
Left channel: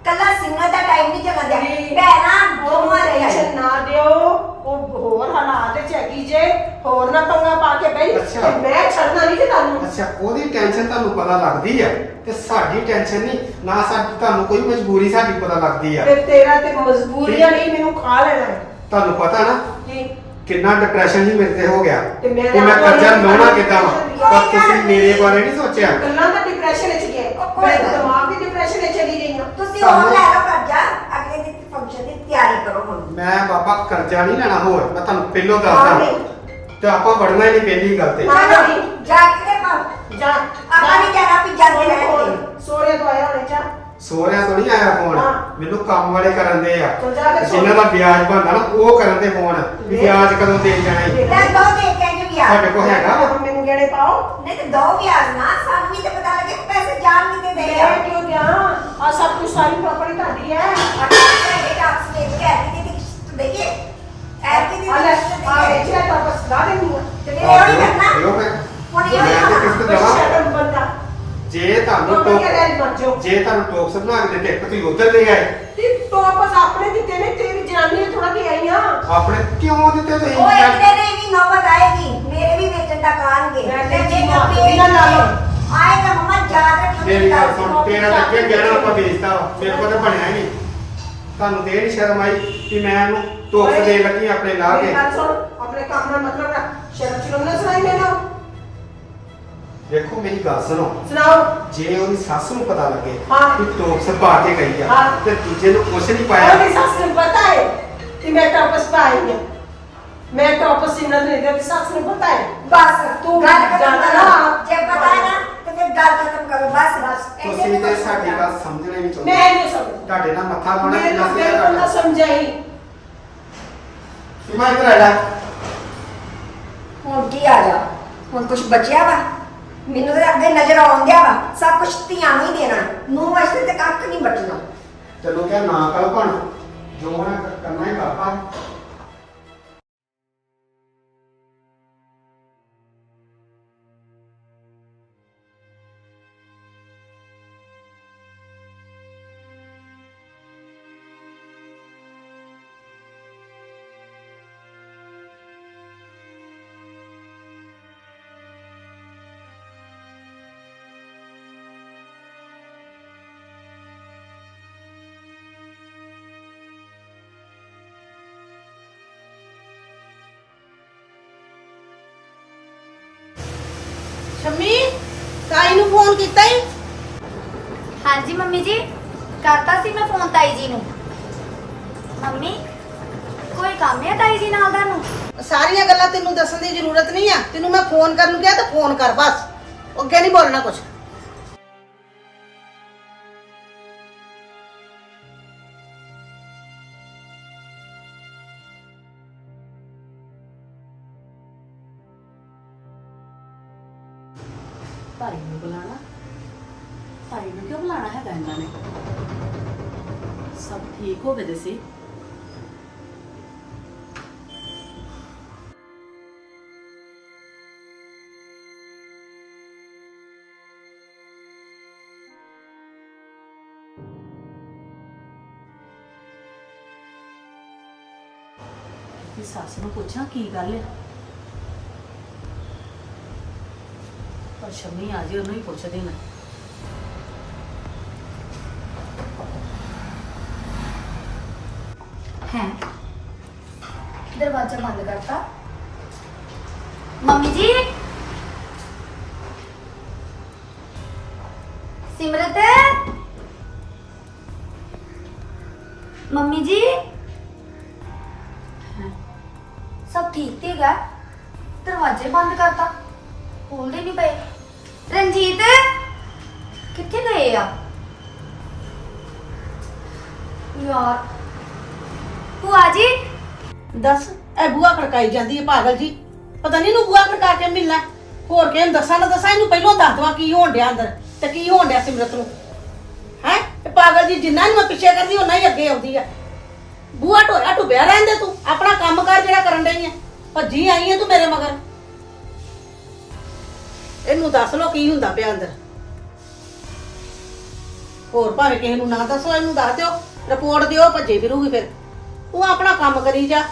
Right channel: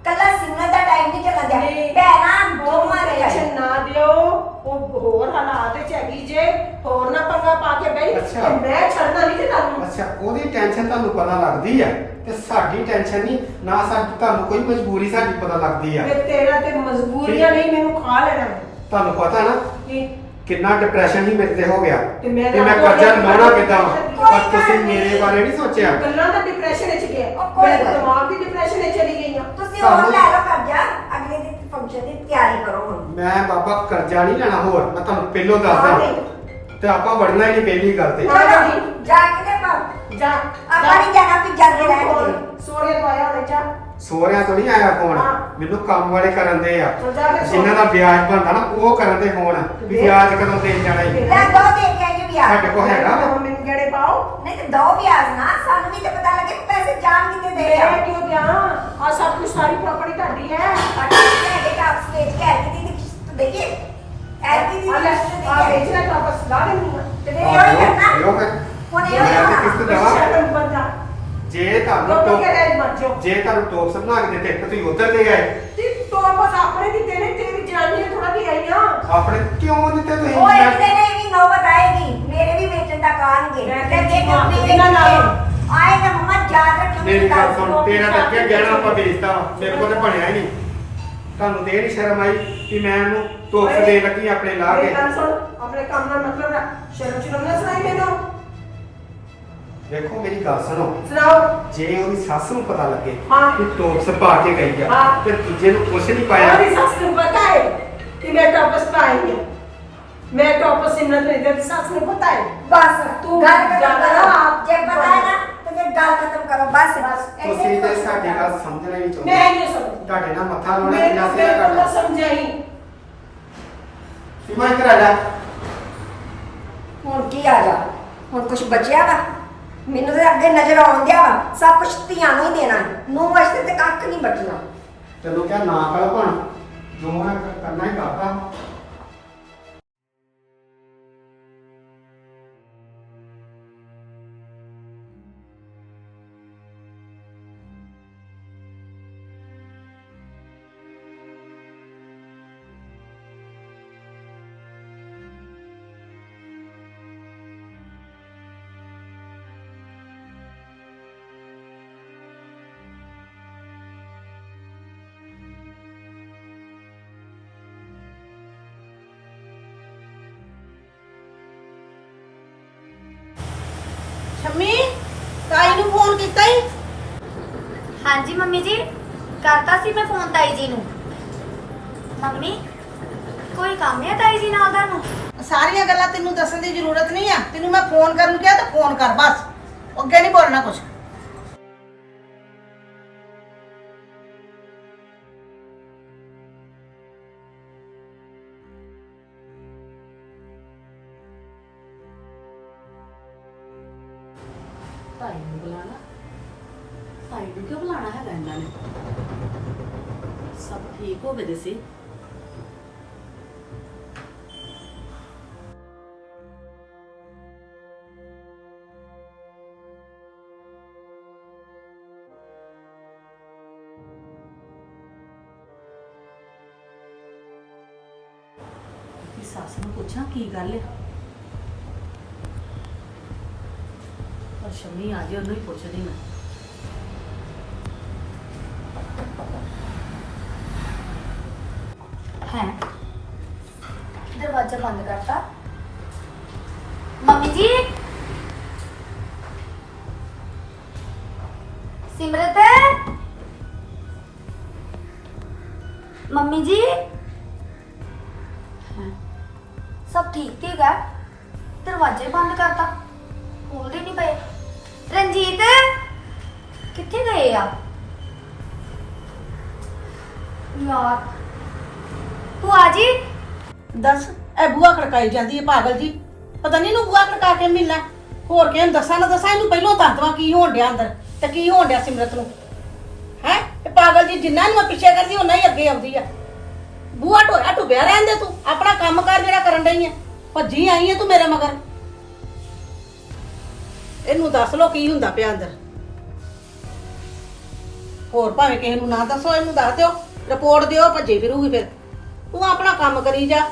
Speaker 2: ਕੱਲਾ ਸਿੰਗਰ ਦਾ ਟਾਈਮ ਨਹੀਂ ਚੱਲਣ ਦਿਆ
Speaker 3: ਨਹੀਂ।
Speaker 2: ਭੈਣਾਂ ਦੋਵਾਂ ਦੇ ਆਏ।
Speaker 3: ਟੈਨਸ਼ਨ ਨਾ ਦਿਓ, ਉਹ ਹੋਰ ਹਾਲਾਤ ਚ ਹੈਗੀ ਜੇ, ਹੋਰ ਨਾ ਪੰਗਾ ਪਾ ਕੇ ਬਈ
Speaker 1: ਅੱਛਾ।
Speaker 3: ਮੈਂ ਛੱਡਣਾ ਨਹੀਂ ਤੇ ਤੁਹਾਨੂੰ।
Speaker 1: ਅੱਛਾ ਉਹਦੀ ਟੈਨਸ਼ਨ ਤੁਹਾਨੂੰ ਪਤਾ ਲੱਗਦੀ ਆ ਤੇ ਸਾਡੀ ਟੈਨਸ਼ਨ ਨਹੀਂ ਨਾ ਸਾਡੀ ਤੁਹਾਨੂੰ ਕੋਈ ਮਜਬੂਰੀ ਸਾਡੀ ਪਤਾ ਲੱਗਦੀ ਆ
Speaker 3: ਤੇ ਤੇਰਾ ਤੇ ਮਜਬੂਰੀਆਂ ਨਹੀਂ ਮੈਨੂੰ ਖਾ ਲੈਣਾ
Speaker 1: ਤੁਹਾਨੂੰ ਪਤਾ ਹੈ ਨਾ
Speaker 3: ਜੀ।
Speaker 1: ਕਿੰਨਾ ਡਿਪਰੈਸ਼ਨ ਹੀ ਮੇਰੇ ਤੇ ਹੋ ਗਿਆ
Speaker 3: ਤੇ ਮੈਂ
Speaker 1: ਕਿ ਮੈਂ
Speaker 3: ਤਾਂ
Speaker 1: ਕਰਜ਼ਾ
Speaker 3: ਤੁਹਾਨੂੰ
Speaker 1: ਲਾਉਣਾ ਕਿੱਦਾਂ ਵਾ
Speaker 2: ਕੋਈ
Speaker 1: ਪਰ ਤੁਸੀਂ ਮੇਰੇ ਬਾਰੇ ਨਹੀਂ ਸੋਚਿਆ
Speaker 3: ਗੱਲਾਂ ਦਾ ਡਿਪਰੈਸ਼ਨ ਵਿੱਚ ਗਏ,
Speaker 2: ਉਹ ਕੋਈ
Speaker 3: ਮੈਂ
Speaker 2: ਗੱਲ ਨਹੀਂ।
Speaker 3: ਦਿਮਾਗ ਦੀ ਡਿਪਰੈਸ਼ਨ ਵਿੱਚ ਚਲੀ ਗਈ ਹਾਂ।
Speaker 2: ਤੁਸੀਂ
Speaker 1: ਤੁਹਾਨੂੰ-
Speaker 2: ਉਹ ਲੈ ਲਓ ਕਰਜ਼ਾ ਅਗਲੇ ਦੀ ਫੰਕਸ਼ਨ ਦੀ ਤਿਆਰੀ ਕਰੋ ਹੁਣ
Speaker 1: ਮੈਂ ਬਾਬਾ ਕਰਜ਼ਾ ਨਹੀਂ ਲੈਣਾ ਹੋਰ ਮੈਂ ਤੁਹਾਨੂੰ ਪਹਿਲੋਂ
Speaker 2: ਹਾਂ
Speaker 1: ਦੱਸਦਾ
Speaker 2: ਨਹੀਂ।
Speaker 1: ਤੇ ਆਪਾਂ ਵੜਨਾ ਹੀ ਨਹੀਂ ਪਹਿਲੀ ਗੱਲ ਤੇ
Speaker 2: ਚਲੋ ਜਾ ਕੇ ਦੇਖੋ
Speaker 3: ਜਾ
Speaker 2: ਆਪਾਂ ਨਹੀਂ ਜਾਣਾ ਵੀ ਜਾਂਦੇ ਰਹਿਣਗੇ
Speaker 3: ਸੋਰੇ ਤੋਂ ਆਇਆ ਹੋਣੇ ਜਾ।
Speaker 1: ਸੋਹਰਿਆਂ ਤੋਂ ਨਹੀਂ ਆਇਆ ਫੋਨ
Speaker 3: ਹਾਂ।
Speaker 1: ਮੈਨੂੰ ਕੰਮ ਵਾਲੇ ਕਰਨ ਦੇ ਆ
Speaker 3: ਤੂੰ ਜਾ ਕੇ ਸੋ।
Speaker 1: ਜਿਨ੍ਹਾਂ ਦਾ ਵਿਆਜ ਬਣਦਾ ਨਾ ਉਹ ਕਰਨ ਦੇ ਫੋਨ ਵੀ ਵਿਆਜ ਕਦੋਂ ਦੇ ਜਾਣਾ ਈ।
Speaker 2: ਲੈ ਦੋ ਦੇ ਕੇ ਜੀ ਵਿਆਹ
Speaker 1: ਸਾਡੇ ਕੋਲ ਹੈਗਾ ਵਾ।
Speaker 3: ਹੁਣ ਮੈਨੂੰ ਗੇੜੇ ਪਾਓ।
Speaker 2: ਨਹੀਂ ਤੇ ਦੋ ਵਿਆਹ ਨਾ ਸਾਨੂੰ ਵੀ ਤੇ ਪਤਾ ਲੱਗੇ ਕਿ ਪੈਸੇ ਜਾਣ ਕਿਤੇ ਦੇ ਆ
Speaker 3: ਮੈਂ ਕਿਉਂ ਦਿਆਂ? ਆ ਸਭ ਕੁਝ ਸਾਰੀ ਪ੍ਰਾਪਰਟੀ ਤੁਹਾਡੀ ਹੈ।
Speaker 2: ਅਟਾਕੇ ਟਾਕਸ ਵੇਚ ਕੇ ਐਰਕੀ ਦੀ ਕਿਸ਼ਤ ਦੇਈਏ ਐਰਕੀ ਦੀ
Speaker 3: ਆ ਲੈ
Speaker 2: ਕਿਸ਼ਤ
Speaker 3: ਆ
Speaker 2: ਦੇਈਏ
Speaker 3: ਵੇਚਿਆ ਤਾਂ ਬਸ ਲਾ ਦੇਣੀ ਆ।
Speaker 2: ਤੇ ਫਿਰ ਇਹ ਹੋਈ ਕਰਨਾ
Speaker 1: ਦਿਓ ਫਿਰ।
Speaker 2: ਹੁਣ ਇਹ
Speaker 1: ਮੈਂ ਤੇ
Speaker 2: ਹੋਈ
Speaker 1: ਕਿਸ਼ਤ
Speaker 2: ਕਰਨਾ
Speaker 1: ਦੇਵਾਂ
Speaker 3: ਸ਼ਰਮ ਬੰਦਾ
Speaker 1: ਜੇ ਤੁਹਾਨੂੰ
Speaker 3: ਉਹ
Speaker 1: ਟੋਪ
Speaker 3: ਕਿਹਾ ਗੈਰ ਮਰ ਜਾਓ।
Speaker 1: ਜੇ ਤੁਹਾਨੂੰ ਟੋਪਸ ਬਣਾ ਕੇ ਦਿੱਤੇ ਇੱਕ ਤੁਸੀਂ ਉਧਰ ਦੇ ਆਏ
Speaker 3: ਤੇ ਤੋਂ ਬਸ ਆਪਣੇ ਦਿੱਤੇ ਨੇ, ਤੇਰੀ ਜਨਾਨੀ ਨੇ ਥੋੜਾ ਦੇ ਆਈ ਆ।
Speaker 1: ਆਪਣੇ ਕਿਉਂ ਦਿੱਤੇ ਤੁਸੀਂ
Speaker 2: ਉਹ ਇੱਕ ਦਿਨ ਇਹ ਵੀ ਨੌਬਤ ਆਏਗੀ ਮੇਰੇ ਵੀ ਵੇਚਣ ਤੱਕ ਆਣਗੇ
Speaker 3: ਮੈਂ
Speaker 2: ਤੇ ਜੇ
Speaker 3: ਮਾਂ
Speaker 2: ਕਦੇ
Speaker 3: ਇਹਨਾਂ ਨਾਲ
Speaker 2: ਆਏਗਾ ਮੰਮਾ ਯਾਦ ਰੱਖਿਓ
Speaker 1: ਮੇਰੀ ਗੱਲ ਸੁਣ ਤੇਰਾ ਤਾਂ ਅੱਗੇ ਗਹਿਣਾ ਆਪਾਂ ਵੇਚਦਾ ਵਾ ਮੇਰੇ ਕੋਲ ਤੇ ਬਣਿਆ ਹੀ ਨਹੀਂ ਤੁਹਾਨੂੰ ਤੇ ਇਹ ਨਹੀਂ ਸ਼ਰਮ ਆਈ ਕਿ ਮੈਂ ਉਹਨੂੰ ਟੋਪਸ ਦੇ ਲੱਗੀ ਆਪਣੇ ਲਾ ਕੇ
Speaker 3: ਮੇਰੀ ਗੱਲ ਸੁਣ, ਆਪਣੇ ਕੰਮ ਨਾਲ ਮਤਲਬ ਰੱਖ। ਸ਼ਰਮ ਨਾ ਸੁਣਾਈ ਮੈਨੂੰ।
Speaker 1: ਦੇਖੋ ਮੇਰੀ ਗੱਲ ਸੁਣੋ
Speaker 3: ਸੁਣਾਓ।
Speaker 1: ਜੇ ਉਹਦੀ ਸੱਸ ਨੂੰ ਪਤਾ ਲੱਗੇ
Speaker 3: ਹਾਂ।
Speaker 1: ਕਿ ਟੋਪਸ ਪਾ ਕੇ ਗਈ ਆ
Speaker 3: ਹਾਂ।
Speaker 1: ਤੇ ਦੂਜੇ ਨੂੰ ਕੁਛ ਨਹੀਂ ਪਾਇਆ
Speaker 3: ਉਹਦੀ ਸੱਸ ਨੂੰ ਪਤਾ ਹੈ ਕਿ ਮੈਂ ਟੌਪਸ ਪਾਈ ਹਾਂ। ਮੈਂ ਟੌਪਸ ਸਿਮਰਨ ਨੇ ਦਿੱਤੀ, ਸੱਸ ਨੂੰ ਪਤਾ ਹੈ।
Speaker 2: ਬਸ
Speaker 3: ਤੂੰ
Speaker 2: ਗੱਲ ਖਤਮ
Speaker 3: ਜਾਣਾ
Speaker 2: ਕਰੋ
Speaker 3: ਨਾ।
Speaker 2: ਜੇ ਪਤਾ ਹੈ ਨਾ ਤੇ ਫਿਰ ਗੱਲ ਖਤਮ ਕਰੋ ਬਸ
Speaker 3: ਬਸ।
Speaker 1: ਤੁਸੀਂ ਤੇ ਸਾਡੀ ਗੱਲ ਸਮਝਣਾ ਹੀ ਨਹੀਂ ਚਾਹੁੰਦੇ
Speaker 3: ਮੈਂ ਨਹੀਂ ਸਮਝ
Speaker 1: ਤੁਹਾਡੇ ਨਾਲ ਮੱਥਾ ਲਾਉਣਾ
Speaker 3: ਮੈਨੂੰ
Speaker 1: ਕਿੰਨਾ
Speaker 3: ਮੇਰੇ
Speaker 1: ਸਿਆ
Speaker 3: ਕੋਲ ਨਾ
Speaker 1: ਕਰਦਾ
Speaker 3: ਸਮਝਾਈ।
Speaker 1: ਸੀਮਾ ਇੱਧਰ ਆ ਜਾ
Speaker 2: ਹੁਣ ਕੀ ਆ ਜਾ ਹੁਣ ਕੁਝ ਬਚਿਆ ਵਾ ਮੈਨੂੰ ਤੇ ਅੱਗੇ ਨਜ਼ਰ ਆਉਣ ਗਿਆ ਵਾ ਸਭ ਕੁਝ ਧੀਆਂ ਨੂੰ ਹੀ ਦੇਣਾ ਨੂੰ ਵਾਸਤੇ ਤੇ ਕੱਖ ਨਹੀਂ ਬਚਣਾ
Speaker 1: ਤੈਨੂੰ ਕਿਹਾ ਨਾ ਕਰ ਭਣ ਜੋ ਮੈਂ ਕਰਨਾ ਹੀ ਕਰਤਾ
Speaker 3: ਸ਼ਮੀ ਤਾਈ ਨੂੰ ਫੋਨ ਕੀਤਾ ਹੀ?
Speaker 4: ਹਾਂਜੀ ਮੰਮੀ ਜੀ ਕਰਤਾ ਸੀ ਮੈਂ ਫੋਨ ਤਾਈ ਜੀ ਨੂੰ ਮੰਮੀ ਕੋਈ ਕੰਮ ਹੈ ਤਾਈ ਜੀ ਨਾਲ ਤੁਹਾਨੂੰ
Speaker 5: ਸਾਰੀਆਂ ਗੱਲਾਂ ਤੈਨੂੰ ਦੱਸਣ ਦੀ ਜ਼ਰੂਰਤ ਨਹੀਂ ਆ। ਤੈਨੂੰ ਮੈਂ ਫੋਨ ਕਰਨ ਨੂੰ ਕਿਹਾ ਤਾਂ ਫੋਨ ਕਰ ਬਸ। ਅੱਗੇ ਨਹੀਂ ਬੋਲਣਾ ਕੁਝ।
Speaker 6: ਭਾਈ ਨੂੰ ਬੁਲਾਣਾ ਭਾਈ ਨੂੰ ਕਿਉਂ ਬੁਲਾਣਾ ਹੈਗਾ ਇਹਨਾਂ ਨੇ ਸਭ ਠੀਕ ਹੋ ਗਏ ਦੇ ਸੀ ਕਿ ਸੱਸ ਨੂੰ ਪੁੱਛਾਂ ਕੀ ਗੱਲ ਹੈ ਪਰ ਸ਼ਮੀ ਆ ਜੇ ਉਹਨੂੰ ਹੀ ਪੁੱਛਦੀ ਨਾ
Speaker 4: ਹੈ ਦਰਵਾਜ਼ਾ ਬੰਦ ਕਰਤਾ ਮੰਮੀ ਜੀ ਸਿਮਰਤ ਮੰਮੀ ਜੀ ਸਭ ਠੀਕ ਤੇ ਹੈਗਾ ਦਰਵਾਜ਼ੇ ਬੰਦ ਕਰਤਾ ਖੋਲਦੇ ਨਹੀਂ ਪਏ ਰਣਜੀਤ ਕਿੱਥੇ ਗਏ ਆ ਯਾਰ ਭੂਆ ਜੀ
Speaker 5: ਦੱਸ ਇਹ ਬੂਆ ਖੜਕਾਈ ਜਾਂਦੀ ਹੈ ਪਾਗਲ ਜੀ। ਪਤਾ ਨਹੀਂ ਇਹਨੂੰ ਬੂਆ ਖੜਕਾ ਕੇ ਮਿਲਣਾ ਹੋਰ ਕਿਹਨੂੰ ਦੱਸਾਂ ਨਾ ਦੱਸਾਂ। ਇਹਨੂੰ ਪਹਿਲਾਂ ਦੱਸ ਦਵਾਂ ਕੀ ਹੋਣ ਡਿਆ ਅੰਦਰ ਤੇ ਕੀ ਹੋਣ ਡਿਆ ਸਿਮਰਤ ਨੂੰ। ਹੈ ਇਹ ਪਾਗਲ ਜੀ ਜਿੰਨਾ ਨੂੰ ਮੈਂ ਪਿੱਛੇ ਕਰਦੀ ਉਹਨਾਂ ਹੀ ਅੱਗੇ ਆਉਂਦੀ ਆ। ਬੂਆ ਢੋਇਆ ਢੁੱਬਿਆ ਰਹਿੰਦੇ ਤੂੰ ਆਪਣਾ ਕੰਮ ਕਰ ਜਿਹੜਾ ਕਰਨ ਡਈ ਆ। ਭੱਜੀ ਆਈ ਹੈ ਤੂੰ ਮੇਰੇ ਮਗਰ। ਇਹਨੂੰ ਦੱਸ ਲੋ ਕੀ ਹੁੰਦਾ ਪਿਆ ਅੰਦਰ। ਹੋਰ ਭਾਵੇਂ ਕਿਸੇ ਨੂੰ ਨਾ ਦੱਸੋ, ਇਹਨੂੰ ਦੱਸ ਦਿਓ, ਰਿਪੋਰਟ ਦਿਓ, ਭੱਜੇ ਫਿਰੂਗੀ ਫਿਰ। ਤੂੰ ਆਪਣਾ ਕੰਮ ਕਰੀ ਜਾ।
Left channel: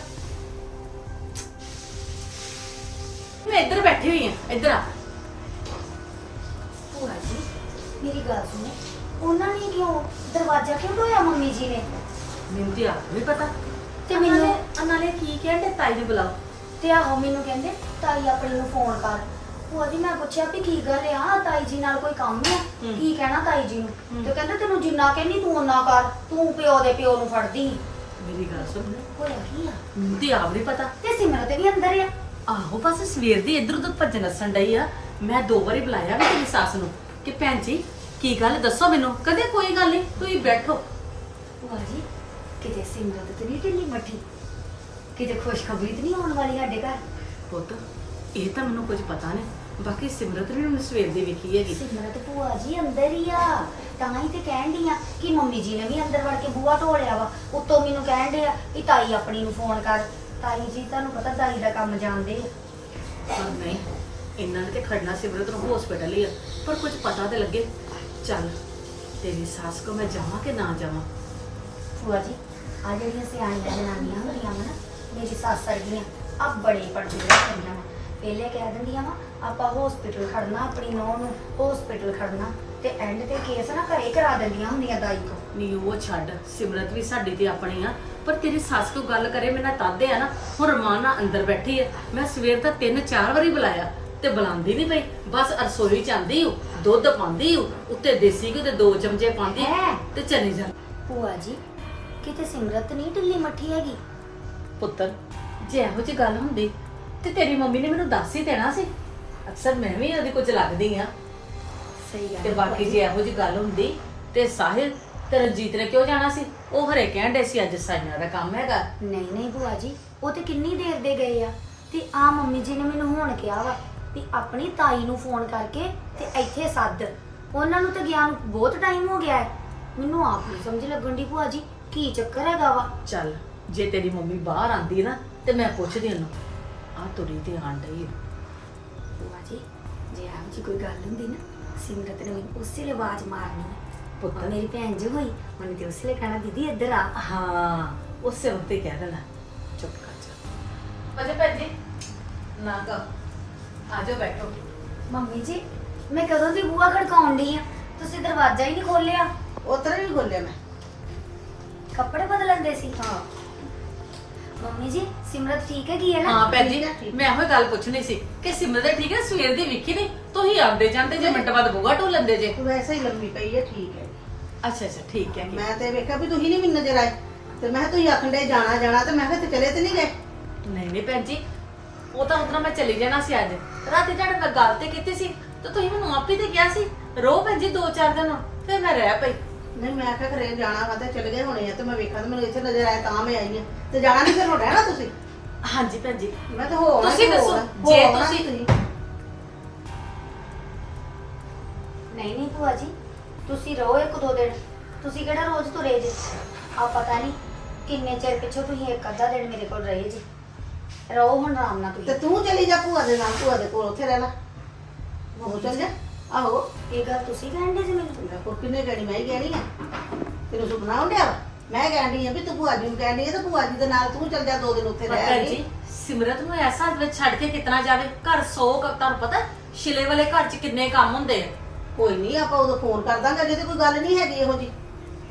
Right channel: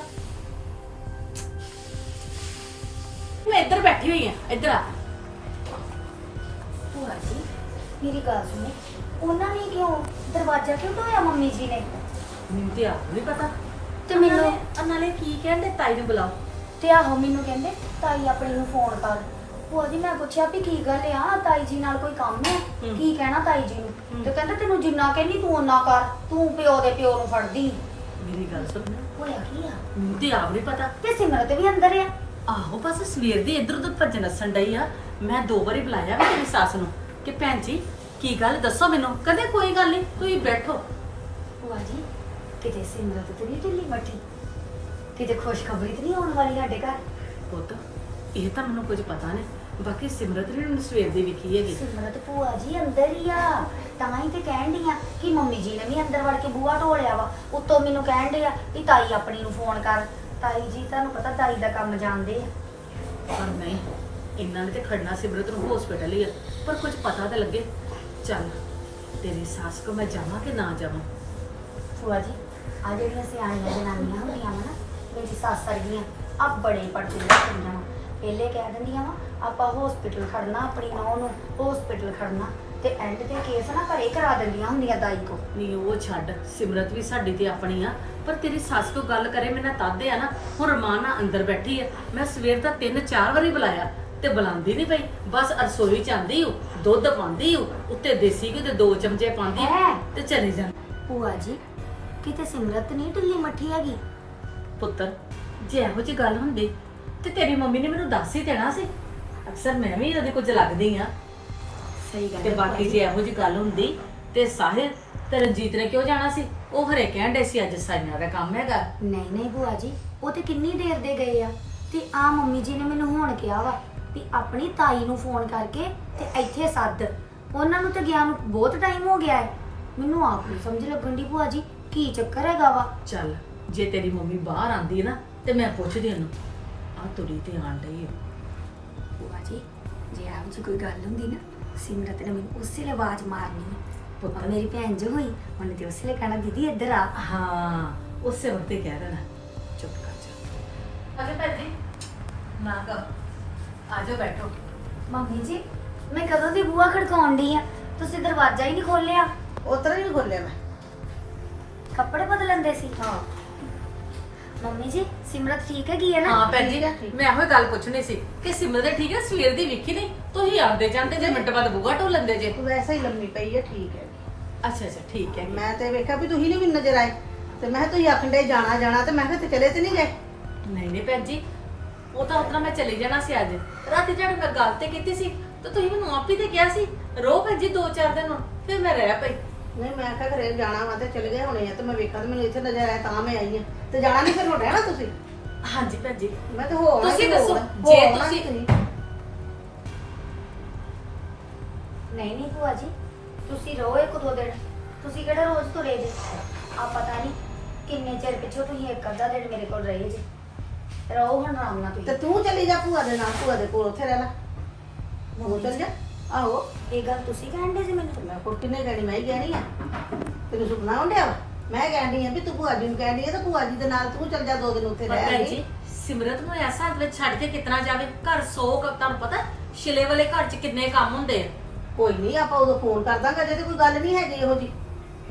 Speaker 6: ਮੈਂ ਇੱਧਰ ਬੈਠੀ ਹੋਈ ਆ, ਇੱਧਰ ਆ।
Speaker 4: ਭੂਆ ਜੀ ਮੇਰੀ ਗੱਲ ਸੁਣੇ, ਉਹਨਾਂ ਨੇ ਕਿਉਂ ਦਰਵਾਜ਼ਾ ਕਿਉਂ ਢੋਇਆ ਮੰਮੀ ਜੀ ਨੇ?
Speaker 6: ਮੈਨੂੰ ਤੇ ਆਪ ਨਹੀਂ ਪਤਾ।
Speaker 4: ਤੇ ਮੈਨੂੰ
Speaker 6: ਨਾਲੇ ਕੀ ਕਹਿੰਦੇ, ਤਾਈ ਨੂੰ ਬੁਲਾਓ।
Speaker 4: ਤੇ ਆਹੋ ਮੈਨੂੰ ਕਹਿੰਦੇ ਤਾਈ ਆਪਣੀ ਨੂੰ ਫੋਨ ਕਰ। ਭੂਆ ਜੀ ਮੈਂ ਪੁੱਛਿਆ ਵੀ ਕੀ ਗੱਲ ਆ, ਤਾਈ ਜੀ ਨਾਲ ਕੋਈ ਕੰਮ ਹੈ? ਕੀ ਕਹਿਣਾ ਤਾਈ ਜੀ ਨੂੰ? ਤੇ ਕਹਿੰਦੇ ਤੈਨੂੰ ਜਿੰਨਾ ਕਹਿੰਦੀ ਤੂੰ ਓਨਾ ਕਰ, ਤੂੰ ਪਿਓ ਦੇ ਪਿਓ ਨੂੰ ਫੜਦੀ।
Speaker 6: ਮੇਰੀ ਗੱਲ ਸੁਣ,
Speaker 4: ਹੋਇਆ ਕੀ ਆ?
Speaker 6: ਮੈਨੂੰ ਤੇ ਆਪ ਨਹੀਂ ਪਤਾ।
Speaker 4: ਤੇ ਸਿਮਰਤ ਵੀ ਅੰਦਰ ਆ।
Speaker 6: ਆਹੋ ਬਸ ਸਵੇਰ ਦੀ ਇੱਧਰ ਉੱਧਰ ਭੱਜ ਨੱਸਣ ਡਈ ਆ। ਮੈਂ 2 ਵਾਰੀ ਬੁਲਾਇਆ ਵੀ ਤੇਰੀ ਸੱਸ ਨੂੰ ਕਿ ਭੈਣ ਜੀ ਕੀ ਗੱਲ ਦੱਸੋ ਮੈਨੂੰ। ਕਹਿੰਦੇ ਕੋਈ ਗੱਲ ਨਹੀਂ, ਤੁਸੀਂ ਬੈਠੋ।
Speaker 4: ਭੂਆ ਜੀ ਕਿਤੇ ਸਿਮਰਤ ਤੇ ਨਹੀਂ ਢਿੱਲੀ ਮੱਠੀ, ਕਿਤੇ ਖੁਸ਼ਖਬਰੀ ਤੇ ਨਹੀਂ ਆਉਣ ਵਾਲੀ ਸਾਡੇ ਘਰ?
Speaker 6: ਪੁੱਤ ਇਹ ਤਾਂ ਮੈਨੂੰ ਕੁਝ ਪਤਾ ਨਹੀਂ, ਬਾਕੀ ਸਿਮਰਤ ਨੇ ਮੈਨੂੰ ਸਵੇਰ ਦੀ ਵੇਖੀ ਹੈਗੀ।
Speaker 4: ਸਿਮਰਤ ਭੂਆ ਜੀ ਅੰਦਰ ਹੀ ਆ, ਤਾਂ ਹੀ ਤੇ ਕਹਿਣ ਡਈ ਆ ਕਿ ਮੰਮੀ ਜੀ ਨੇ ਵੀ ਅੰਦਰ ਵੜ ਕੇ ਬੂਹਾ ਢੋਲਿਆ ਵਾ। ਉੱਤੋਂ ਮੈਨੂੰ ਕਹਿਣ ਡਏ ਆ ਕਿ ਤਾਈ ਆਪਣੀ ਨੂੰ ਫੋਨ ਕਰ। ਤਾਈ ਜੀ ਤੁਹਾਨੂੰ ਪਤਾ ਦਾਈ ਦਾ ਕੰਮ ਜਾਣਦੇ ਆ।
Speaker 6: ਪਰ ਨਹੀਂ, ਇਹਨਾਂ ਨੇ ਤੇ ਖੜਨਾ ਸਿਮਰਤ ਨੂੰ ਹਸਪੀਟਲ ਹੀ ਆ, ਪਰ ਕੁਝ ਪਤਾ ਤੇ ਲੱਗੇ। ਚੱਲ ਤੇਰੀ ਸੱਸ ਕੋ ਮੈਂ ਜਾਵਾਂ ਕਿ ਨਾ ਜਾਵਾਂ?
Speaker 4: ਭੂਆ ਜੀ ਆ ਜਿਹੜੀਆਂ ਸਿਆਣੀਆਂ ਜਨਾਨੀਆਂ ਹੁੰਦੀਆਂ ਵਾ ਨਾ, ਮੇਰੀ ਸੱਸ ਵਰਗੀਆਂ, ਆ ਬੜੇ ਪੜਦੇ ਰੱਖਦੀਆਂ ਵਾ। ਪਹਿਲੇ ਕਹਿ ਦਿੰਦੀਆਂ ਵਾ ਆਪਾਂ ਹਸਪੀਟਲ ਖੜਨਾ, ਆਪਣੀ ਨੂੰਹ ਨੂੰ ਹਸਪੀਟਲ ਖੜਨਾ, ਤੇ ਐਂਡ ਤੇ ਕੇਸ ਨਾ ਘਰੇ ਕਰਾ ਦਿੰਦੀਆਂ ਹੁੰਦੀਆਂ ਦਾਈ ਕੋ।
Speaker 6: ਨਹੀਂ ਉਹ ਛੱਡ, ਸਿਮਰਤ ਵੀ ਸਾਡੀ ਤੇ ਆਪਣੀ ਆ, ਪਰ ਤੇਰੀ ਸੱਸ ਕੋ ਗੱਲ ਕਰੇ ਮੇਰੇ ਨਾਲ ਤੱਦ ਆ ਨਾ। ਹੁਣ ਰਮਾਨ ਨਾਲ ਅੰਦਰ ਬੈਠੀ ਹੈ, ਮੈਂ ਸਵੇਰ ਦਾ 3-4 ਵਾਰੀ ਬੁਲਾਇਆ ਤੇ ਬੁਲਾਉਂਦੀ ਨਹੀਂ ਪਈ। ਬਸ ਰਸੋਈ ਚ ਆਂਦੀ ਹੋ, ਦੁੱਧ ਪਾਉਂਦੀ ਹੋ, ਉੱਤੇ ਦੇਸੀ ਘਿਓ ਦੇ 2 ਚਮਚੇ ਪਾਉਂਦੀ
Speaker 4: ਹੈਂ?
Speaker 6: ਤੇ ਚਲੀ ਜਾਂਦੀ।
Speaker 4: ਭੂਆ ਜੀ ਕਿਤੇ ਸਿਮਰਤ ਨਹੀਂ ਢਿੱਲੀ ਮੱਠੀ ਹੈਗੀ?
Speaker 6: ਪੁੱਤਰ ਜੇ ਇਹੋ ਜਿਹੀ ਗੱਲ ਹੁੰਦੀ ਤੇ ਤੇਰੀ ਮੰਮੀ ਨੇ ਮੈਨੂੰ ਦੱਸ ਹੀ ਦੇਣਾ ਸੀ। ਅਕਸਰ ਮੈਂ ਵੀ ਉਹਦੇ ਕੁਝ ਲੱਗਦੀ ਆ।
Speaker 4: ਸਹੀ ਗੱਲ
Speaker 6: ਤੇ
Speaker 4: ਹੈ
Speaker 6: ਬਾਕੀ ਜੇ ਇਹੋ ਜਿਹੀ ਗੱਲ ਹੁੰਦੀ ਤੇ ਸਾਹਿਲ ਤੇ ਰਣਜੀਤ ਨੇ ਕਿਉਂ ਜਾਣਾ ਸੀ? ਉਹ ਹਰੇ ਕਹਿਣ ਡੇ ਸੀ ਅੱਜ ਸਾਈਆਂ ਦਾ ਕੰਮ ਹੈਗਾ।
Speaker 4: ਨਹੀਂ ਨਹੀਂ ਭੂਆ ਜੀ, ਉਹ ਤੇ ਕਿੰਨੀ ਦੇਰ ਦੇ ਗਏ ਆ। ਤੇ ਆ ਮੰਮੀ ਜੀ ਨੇ ਮੈਨੂੰ ਹੁਣ ਕਿਹਾ ਵਾ ਵੀ ਆਪਣੀ ਤਾਈ ਨੂੰ ਫੋਨ ਕਰਕੇ ਤੇ ਇੱਥੇ ਸੱਦ। ਉਹਨਾਂ ਨੂੰ ਤੇ ਗਿਆ ਨੂੰ ਬਹੁਤ ਟਾਈਮ ਹੋ ਗਿਆ ਹੈ। ਮੈਨੂੰ ਆਪ ਨਹੀਂ ਸਮਝ ਲੱਗਣ ਦੀ ਭੂਆ ਜੀ ਕੀ ਚੱਕਰ ਹੈਗਾ ਵਾ।
Speaker 6: ਚੱਲ ਜੇ ਤੇਰੀ ਮੰਮੀ ਬਾਹਰ ਆਂਦੀ ਨਾ ਤੇ ਮੈਂ ਪੁੱਛਦੀ ਉਹਨੂੰ, ਆ ਤੁਰੀ ਤੇ ਆਣ ਡਈ ਹੈ।
Speaker 4: ਭੂਆ ਜੀ ਜੇ ਆਪ ਜੀ ਕੋਈ ਗੱਲ ਹੁੰਦੀ ਨਾ, ਸਿਮਰਤ ਨੇ ਮੈਨੂੰ ਉਸੇ ਵੇਲੇ ਆਵਾਜ਼ ਮਾਰਨੀ ਹੈ।
Speaker 6: ਪੁੱਤਰ
Speaker 4: ਮੇਰੀ ਭੈਣ ਜੋ ਹੋਈ ਉਹਨੇ ਤੇ ਉਸੇ ਵੇਲੇ ਕਹਿਣਾ ਦੀਦੀ ਇੱਧਰ ਆ।
Speaker 6: ਹਾਂ ਉਸੇ ਵਕਤ ਹੀ ਕਹਿ ਦੇਣਾ। ਚੁੱਪ ਕਰ ਜਾ। ਅਜੇ ਭੈਣ ਜੀ ਨਾ ਕਹ, ਆਜੋ ਬੈਠੋ।
Speaker 4: ਮੰਮੀ ਜੀ ਮੈਂ ਕਦੋਂ ਦੀ ਬੂਹਾ ਖੜਕਾਉਣ ਡਈ ਆ, ਤੁਸੀਂ ਦਰਵਾਜ਼ਾ ਹੀ ਨਹੀਂ ਖੋਲਿਆ।
Speaker 5: ਉਤਰ ਹੀ ਖੋਲਿਆ ਮੈਂ।
Speaker 4: ਕੱਪੜੇ ਬਦਲਣ ਦੇ ਸੀ?
Speaker 5: ਹਾਂ
Speaker 4: ਮੰਮੀ ਜੀ ਸਿਮਰਤ ਠੀਕ ਹੈਗੀ ਹੈ ਨਾ?
Speaker 6: ਹਾਂ ਭੈਣ ਜੀ,
Speaker 5: ਠੀਕ ਹੈ, ਠੀਕ।
Speaker 6: ਮੈਂ ਇਹੋ ਗੱਲ ਪੁੱਛਣੀ ਸੀ ਕਿ ਸਿਮਰਤ ਠੀਕ ਹੈ? ਸਵੇਰ ਦੀ ਵੇਖੀ ਨਹੀਂ, ਤੁਸੀਂ ਆਉਂਦੇ ਜਾਂਦੇ ਜੇ ਮਿੰਟ ਬਾਅਦ ਬੂਹਾ ਢੋ ਲੈਂਦੇ ਜੇ।
Speaker 5: ਤੂੰ ਵੈਸੇ ਹੀ ਲੰਮੀ ਪਈ ਹੈ, ਠੀਕ ਹੈ।
Speaker 6: ਅੱਛਾ ਅੱਛਾ ਠੀਕ ਹੈ।
Speaker 5: ਮੈਂ ਤੇ ਵੇਖਿਆ ਵੀ ਤੁਸੀਂ ਨਹੀਂ ਮੈਨੂੰ ਨਜ਼ਰ ਆਏ, ਤੇ ਮੈਂ ਕਿਹਾ ਤੁਸੀਂ ਆਖਣ ਦੇ ਜਾਣਾ ਜਾਣਾ, ਤੇ ਮੈਂ ਕਿਹਾ ਤੇ ਚਲੇ ਤੇ ਨਹੀਂ ਗਏ।
Speaker 6: ਨਹੀਂ ਨਹੀਂ ਭੈਣ ਜੀ, ਉਹ ਤਾਂ ਉਤਨਾ ਮੈਂ ਚਲੀ ਜਾਣਾ ਸੀ ਅੱਜ ਰਾਤੀ। ਤੁਹਾਡੇ ਨਾਲ ਗੱਲ ਤੇ ਕੀਤੀ ਸੀ ਤੇ ਤੁਸੀਂ ਮੈਨੂੰ ਆਪ ਹੀ ਤੇ ਕਿਹਾ ਸੀ ਰੋ ਭੈਣ ਜੀ 2-4 ਦਿਨ, ਫਿਰ ਮੈਂ ਰਹਿ ਪਈ।
Speaker 5: ਨਹੀਂ ਮੈਂ ਆਖਿਆ ਘਰੇ ਜਾਣਾ ਵਾ ਤੇ ਚਲੇ ਗਏ ਹੋਣੇ ਆ, ਤੇ ਮੈਂ ਵੇਖਿਆ ਤੇ ਮੈਨੂੰ ਇੱਥੇ ਨਜ਼ਰ ਆਇਆ ਤਾਂ ਮੈਂ ਆਈ ਆ। ਤੇ ਜਾਣਾ ਨਹੀਂ ਫਿਰ ਹੁਣ ਰਹਿਣਾ ਤੁਸੀਂ?
Speaker 6: ਹਾਂਜੀ ਭੈਣ ਜੀ।
Speaker 5: ਮੈਂ ਤਾਂ ਹੋ ਆਉਣਾ
Speaker 6: ਤੁਸੀਂ
Speaker 5: ਸੀ,
Speaker 6: ਦੱਸੋ,
Speaker 5: ਹੋ
Speaker 6: ਜੇ
Speaker 5: ਆਉਣਾ ਸੀ
Speaker 6: ਤੁਸੀਂ-
Speaker 4: ਨਹੀਂ ਨਹੀਂ ਭੂਆ ਜੀ ਤੁਸੀਂ ਰਹੋ 1-2 ਦਿਨ। ਤੁਸੀਂ ਕਿਹੜਾ ਰੋਜ਼ ਤੁਰੇ ਜੇ? ਆ ਪਤਾ ਨਹੀਂ ਕਿੰਨੇ ਚਿਰ ਪਿੱਛੋਂ ਤੁਸੀਂ 1-ਅੱਧਾ ਦਿਨ ਮੇਰੇ ਕੋਲ ਰਹੇ ਜੇ। ਰਹੋ ਹੁਣ ਆਰਾਮ ਨਾਲ
Speaker 5: ਤੇ
Speaker 4: ਤੁਸੀਂ।
Speaker 5: ਤੂੰ ਚਲੀ ਜਾ ਭੂਆ ਦੇ ਨਾਲ, ਭੂਆ ਦੇ ਕੋਲ ਉੱਥੇ ਰਹਿਣਾ। ਉਹ ਚੱਲ ਜਾ। ਆਹੋ
Speaker 4: ਇਹ ਗੱਲ ਤੁਸੀਂ ਕਹਿੰਦੇ ਸੀ ਮੈਨੂੰ?
Speaker 5: ਮੈਂ ਕੁੱਟੀ ਨੇ ਕਹਿਣੀ, ਮੈਂ ਹੀ ਕਹਿਣੀ ਆ। ਤੈਨੂੰ ਸੁਪਨਾ ਆਉਂਦਿਆ ਵਾ? ਮੈਂ ਕਹਿਣੀ ਆ ਵੀ ਤੂੰ ਭੂਆ ਜੀ ਨੂੰ ਕਹਿਣੀ ਆ, ਤੇ ਭੂਆ ਜੀ ਦੇ ਨਾਲ ਤੂੰ ਚੱਲ ਜਾ 2 ਦਿਨ ਉੱਥੇ
Speaker 6: ਪਰ
Speaker 5: ਰਹਿ
Speaker 6: ਭੈਣ
Speaker 5: ਆਈ।
Speaker 6: ਜੀ ਸਿਮਰਤ ਨੂੰ ਐਸਾ ਹੱਥ ਵਿੱਚ ਛੱਡ ਕੇ ਕਿਤਨਾ ਜਾਵੇ? ਘਰ 100 ਤੁਹਾਨੂੰ ਪਤਾ ਛਿਲੇ ਵਾਲੇ ਘਰ 'ਚ ਕਿੰਨੇ ਕੰਮ ਹੁੰਦੇ ਆ।
Speaker 5: ਕੋਈ ਨਹੀਂ, ਆਪਾਂ ਉਦੋਂ ਫੋਨ ਕਰ ਦਾਂਗੇ, ਜੇ ਤੇ ਕੋਈ ਗੱਲ ਨਹੀਂ ਹੈਗੀ ਇਹੋ ਜੀ।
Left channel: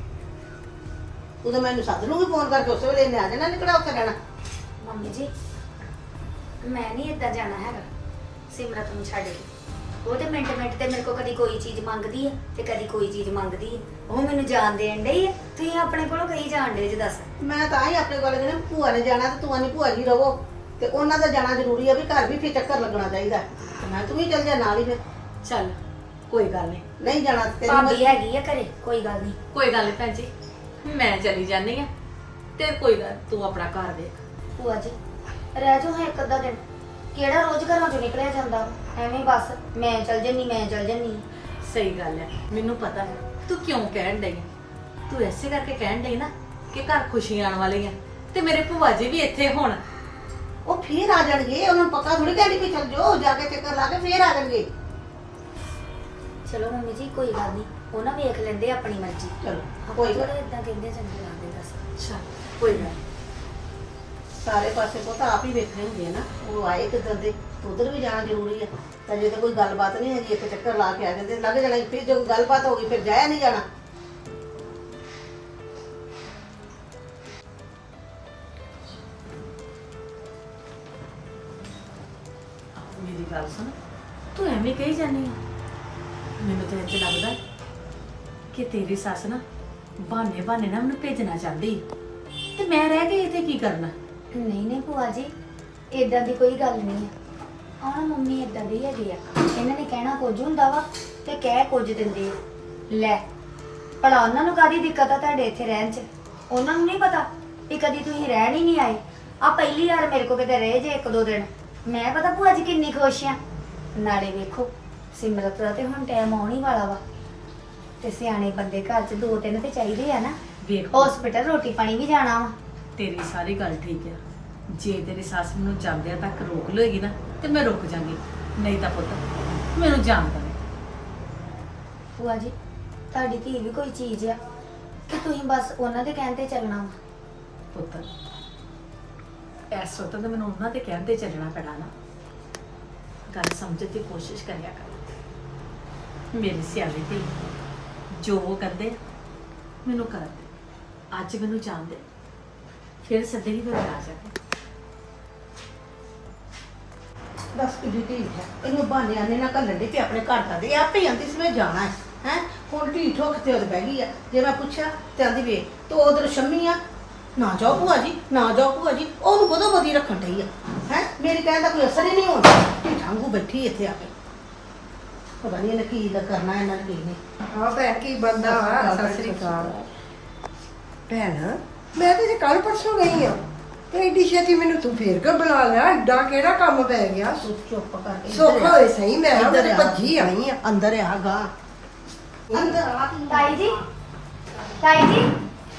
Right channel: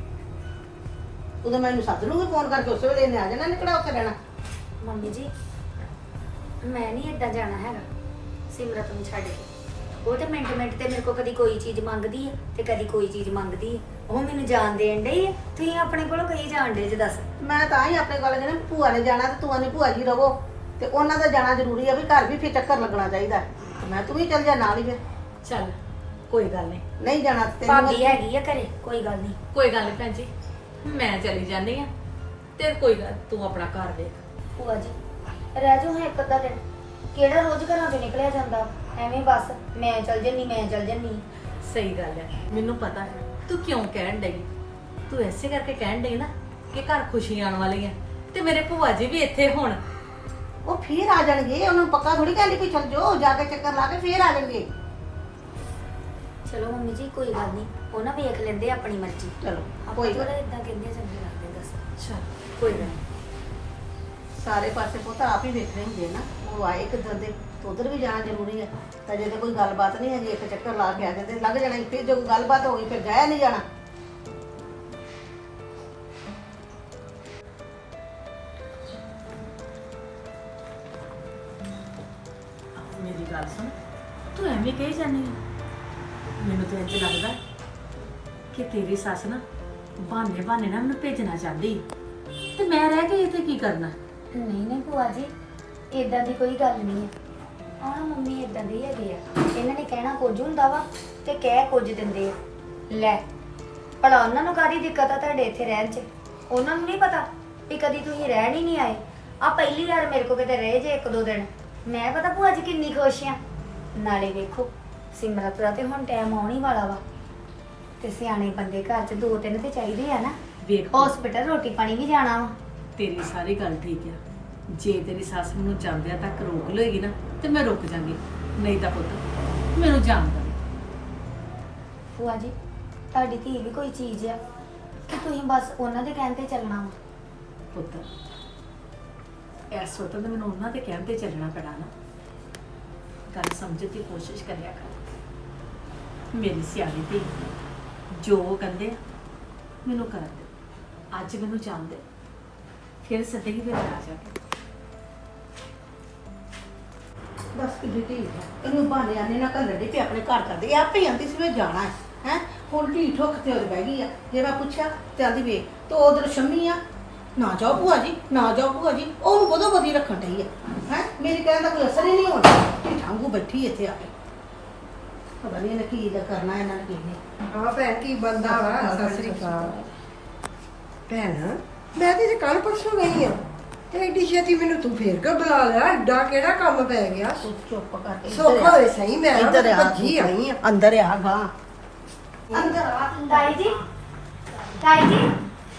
Speaker 5: ਉਦੋਂ ਮੈਨੂੰ ਸੱਦ ਲੂੰਗੀ ਫੋਨ ਕਰਕੇ, ਉਸੇ ਵੇਲੇ ਇਹਨੇ ਆ ਜਾਣਾ, ਨਿਕੜਾ ਉੱਥੇ ਰਹਿਣਾ।
Speaker 4: ਮੰਮੀ ਜੀ ਮੈਂ ਨਹੀਂ ਏਦਾਂ ਜਾਣਾ ਹੈਗਾ ਸਿਮਰਤ ਨੂੰ ਛੱਡ ਕੇ। ਉਹ ਤੇ ਮਿੰਟ ਮਿੰਟ ਤੇ ਮੇਰੇ ਕੋਲ ਕਦੀ ਕੋਈ ਚੀਜ਼ ਮੰਗਦੀ ਹੈ ਤੇ ਕਦੀ ਕੋਈ ਚੀਜ਼ ਮੰਗਦੀ ਹੈ। ਉਹ ਮੈਨੂੰ ਜਾਣ ਦੇਣ ਡਈ ਹੈ, ਤੁਸੀਂ ਆਪਣੇ ਕੋਲੋਂ ਕਹੀ ਜਾਣ ਡੇ ਜੇ ਦੱਸ।
Speaker 5: ਮੈਂ ਤਾਂ ਹੀ ਆਪਣੇ ਕੋਲ ਕਹਿੰਦਾ ਭੂਆ ਨੇ ਜਾਣਾ, ਤੇ ਤੂੰ ਆਨੀ ਭੂਆ ਜੀ ਰਹੋ, ਤੇ ਉਹਨਾਂ ਦਾ ਜਾਣਾ ਜ਼ਰੂਰੀ ਆ ਵੀ ਘਰ ਵੀ ਫਿਰ ਚੱਕਰ ਲੱਗਣਾ ਚਾਹੀਦਾ। ਤੇ ਮੈਂ ਤੂੰ ਵੀ ਚੱਲ ਜਾ ਨਾਲ ਹੀ, ਫਿਰ
Speaker 6: ਚੱਲ ਕੋਈ ਗੱਲ ਨਹੀਂ,
Speaker 5: ਨਹੀਂ ਜਾਣਾ ਤੇ ਤੇਰੀ
Speaker 4: ਭਾਬੀ ਹੈਗੀ ਆ ਘਰੇ, ਕੋਈ ਗੱਲ ਨਹੀਂ।
Speaker 6: ਕੋਈ ਗੱਲ ਨਹੀਂ ਭੈਣ ਜੀ, ਮੈਂ ਚਲੀ ਜਾਨੀ ਆ ਤੇ ਕੋਈ ਗੱਲ, ਤੂੰ ਆਪਣਾ ਘਰ ਦੇਖ।
Speaker 4: ਭੂਆ ਜੀ ਰਹਿ ਜਾਓ 1-ਅੱਧਾ ਦਿਨ, ਕਿਹੜਾ ਰੋਜ਼ ਘਰਾਂ ਚੋਂ ਨਿਕਲਿਆ ਜਾਂਦਾ? ਐਵੇਂ ਬਸ ਮੈਂ ਚੱਲ ਜੰਨੀ, ਮੈਂ ਚੱਲ ਜੰਨੀ।
Speaker 6: ਸਹੀ ਗੱਲ ਹੈ, ਮੈਨੂੰ ਪਤਾ ਤੂੰ ਕਿਉਂ ਕਹਿਣ ਡਈ। ਤੂੰ ਐਸੇ ਕਰਕੇ ਕਹਿਣ ਡਈ ਨਾ ਕਿ ਘਰ ਖੁਸ਼ੀਆਂ ਆਉਣ ਵਾਲੀਆਂ, ਤੇ ਮੇਰੇ ਭੂਆ ਜੀ ਵੀ ਇੱਥੇ ਹੁਣ।
Speaker 5: ਉਹ ਫੇਰ ਆ ਜਾਣਗੇ, ਉਹਨਾਂ ਨੂੰ ਪੱਕਾ ਥੋੜੀ ਕਹਿੰਦੀ ਵੀ ਚੱਲ ਜਾਓ, ਜਾ ਕੇ ਚੱਕਰ ਲਾ ਕੇ ਫੇਰ ਆ ਜਾਣਗੇ।
Speaker 4: ਚਲੋ ਮੰਮੀ ਜੀ ਕੋਈ ਗੱਲ ਨਹੀਂ, ਉਹ ਨਾ ਵੇਖ ਲੈਂਦੇ ਆਪਣੀ ਮਰਜ਼ੀ।
Speaker 5: ਚਲੋ
Speaker 4: ਆਪਾਂ
Speaker 5: ਕੋਈ ਗੱਲ
Speaker 4: ਥੋੜਾ ਇਦਾਂ ਕਹਿੰਦੇ ਚੰਗੇ ਲੱਗਦੇ ਦੱਸ।
Speaker 5: ਅੱਛਾ ਕੋਈ ਗੱਲ ਨੀ। ਸਾਰੇ ਪਾਸੇ ਪੁੱਤ ਆਪ ਹੀ ਵੇਖਣੇ ਹੁੰਦੇ ਆ ਨਾ, ਉਹ ਆਏ ਕਿੱਦਾਂ ਦੇ, ਉਧਰ ਵੀ ਜਾਣਾ ਜ਼ਰੂਰੀ ਹੈ। ਤਾਂ ਜੇ ਤਾਂ ਕੋਈ ਗੱਲਬਾਤ ਨਹੀਂ ਹੈਗੀ, ਇੱਕ ਚੱਕਰ ਲਾ ਕੇ ਆ ਜਾਂਦੇ, ਲੱਗ ਜਾਣਾ ਸੀ। ਫਿਰ ਜੋ ਗੱਲਬਾਤ ਹੋ ਗਈ ਫਿਰ ਜਾਇਆ ਨਹੀਂ ਜਾਣਾ।
Speaker 6: ਮੇਰੀ ਗੱਲ ਸੁਣ, ਤੂੰ ਐਵੇਂ ਕਹੀ ਜਾਂਦੀ ਆ। ਮੈਨੂੰ ਤਾਂ ਇੰਝ ਲੱਗਦਾ ਕਿ ਤੇਰੀ ਸੱਸ ਨਾ ਬਹਾਨੇ ਬਹਾਨੇ ਨਾ ਮੈਨੂੰ ਭੇਜਣਾ ਚਾਹੁੰਦੀ ਤੇ ਮੈਂ ਰਹਿ ਕੇ ਇੱਥੇ ਕੀ ਕਰਨਾ।
Speaker 4: ਨਹੀਂ ਨਹੀਂ ਭੂਆ ਜੀ, ਇਦਾਂ ਦੀ ਕੋਈ ਗੱਲ ਨਹੀਂ ਆ। ਆਹ ਮੰਮੀ ਇਦਾਂ ਦੇ ਹੀ ਹੈਗੇ ਆ, ਇਹਨਾਂ ਨੇ ਕਹਿਣਾ ਕੁਝ ਹੁੰਦਾ ਵਾ ਤੇ ਕਹਿ ਕੁਝ ਦਿੰਦੇ ਆ। ਲੈ ਭਲਾ ਉਹਨਾਂ ਨੂੰ ਕਾਹਦੀ ਦਿੱਕਤ ਆ ਤੁਹਾਡੇ ਇੱਥੇ ਰਹਿਣ 'ਚ? ਉਹਨਾਂ ਨੂੰ ਨਹੀਂ ਪਤਾ ਵੀ ਕਦੀ ਤੁਸੀਂ ਰਹਿਣ ਹੀ ਨਹੀਂ ਆਏ। ਆ ਪਹਿਲੀ ਵਾਰ ਮੇਰੇ ਕੋ ਕਿਤੇ ਰਹੇ ਜੇ 1-2 ਦਿਨ। ਮੈਂ ਪਤਾ ਭੂਆ ਜੀ ਕਿੰਨੀ ਖੁਸ਼ ਆ। ਨਾਲੇ ਵੇਖੋ ਸਿਮਰਤ ਦਾ ਤੇ ਹੁਣ ਟਾਈਮ ਆਉਣ ਹੀ ਵਾਲਾ ਵਾ, ਤੇ ਸਿਆਣੇ ਬੰਦੇ ਘਰ 'ਚ 2-3 ਤੇ ਚਾਹੀਦੇ ਆ ਨਾ।
Speaker 6: ਵੇਖ
Speaker 4: ਹਸਪੀਟਲ ਰੋਟੀ ਪਾਣੀ ਵੀ ਜਾਣਾ ਵਾ।
Speaker 6: ਤੇਰੀ ਸਾਰੀ ਗੱਲ ਠੀਕ ਆ। ਜੇ ਤੇਰੀ ਸੱਸ ਮੈਨੂੰ ਜਾਂਦਿਆਂ ਤੱਕ ਰੋਕ ਲਏਗੀ ਨਾ ਤੇ ਮੈਂ ਰੁਕ ਜਾਂਗੀ, ਨਹੀਂ ਤਾਂ ਪੁੱਤ ਮੈਨੂੰ ਜਾਣ ਦੇ।
Speaker 4: ਭੂਆ ਜੀ ਤੁਹਾਡੀ ਧੀ ਵੀ ਕੋਈ ਚੀਜ਼ ਆ ਕਿ ਤੁਸੀਂ ਬਸ ਉਹਨਾਂ ਦੇ ਕਹਿਣ ਤੇ ਚੱਲਣਾ ਵਾ।
Speaker 6: ਪੁੱਤ ਇਸ ਵਕਤ ਤਾਂ ਮੈਨੂੰ ਉਹਨਾਂ ਦੇ ਕਹਿਣ ਤੇ ਚੱਲਣਾ ਪੈਣਾ ਨਾ। ਗੱਲ ਸਮਝਣ ਦੀ ਕੋਸ਼ਿਸ਼ ਕਰਿਆ ਕਰ। ਮੇਰੀ ਸਿਆਣੀ ਧੀ, ਜੋ ਉਹ ਕਹਿੰਦੇ ਆ, ਮੈਨੂੰ ਕਰ ਦੇ। ਅੱਜ ਮੈਨੂੰ ਜਾਣ ਦੇ, ਫਿਰ ਸੱਦੇਗੀ ਫਿਰ ਮੈਂ ਆ ਜਾਵਾਂਗੀ।
Speaker 5: ਬਸ ਕਿੱਡੀ ਢੀਠ ਹੈ, ਇਹਨੂੰ ਬਹਾਨੇ ਆਨੇ ਨਾ ਘੱਲਣ ਦੀ ਵੀ ਆਪਣੇ ਘਰ ਕਰਦੇ ਆਪੇ ਆਂਦੀ ਸੀ ਮੈਂ ਜਾਣਾ ਹੈ। ਹੈ ਹੁਣ ਢੀਠ ਹੋ ਕੇ ਉਹਦੇ ਬਹਿ ਗਈ ਆ। ਜੇ ਮੈਂ ਪੁੱਛਿਆ ਤੇ ਆਂਦੀ ਵੇ ਤੂੰ ਉਧਰ ਸ਼ੰਮੀ ਆ, ਨਾ ਜਾਓ ਭੂਆ ਜੀ, ਨਾ ਜਾਓ ਭੂਆ ਜੀ। ਉਹਨੂੰ ਬਦੋ ਬਦੀ ਰੱਖਣ ਡਈ ਆ। ਹੈ ਮੇਰੀ ਕਹਿਣ ਦਾ ਕੋਈ ਅਸਰ ਹੀ ਨਹੀਂ ਹੋਣਾ। ਢਾਂਗੂ ਬੈਠੀ ਇੱਥੇ ਆ ਕੇ, ਪਤਾ ਨਹੀਂ ਇਹਨੇ ਕੀ ਦਾ ਕਰਨਾ, ਇਹਨਾਂ ਨੇ ਕੀ ਨਹੀਂ।
Speaker 3: ਹਾਂ ਭੈਣ ਕੀ ਬੰਦਾ ਵਾ। ਸਤਿ ਸ੍ਰੀ ਅਕਾਲ ਭੈਣ। ਮੈਂ ਤੇ ਕੱਲ ਪਰਸੋਂ ਗਈ ਆ ਤੇ ਏਡੀ ਛੇਤੀ ਮੈਨੂੰ ਤੂੰ ਫੇਰ ਕੇ ਬੁਲਾ ਲਿਆ। ਐਡਾ ਕਿਹੜਾ ਕੰਮ ਪੈ ਗਿਆ?
Speaker 5: ਤੂੰ ਚੁੱਪ ਕਰਕੇ
Speaker 3: ਸੌਖਾ ਹੋਏ ਸਹੀ। ਮੈਂ
Speaker 5: ਇੱਧਰ ਆ,
Speaker 3: ਭੱਜੀ ਆਈ ਆ।
Speaker 5: ਅੰਦਰ ਆ ਗਾ, ਅੰਦਰ ਆ ਤੂੰ।
Speaker 4: ਤਾਈ ਜੀ, ਤਾਈ ਜੀ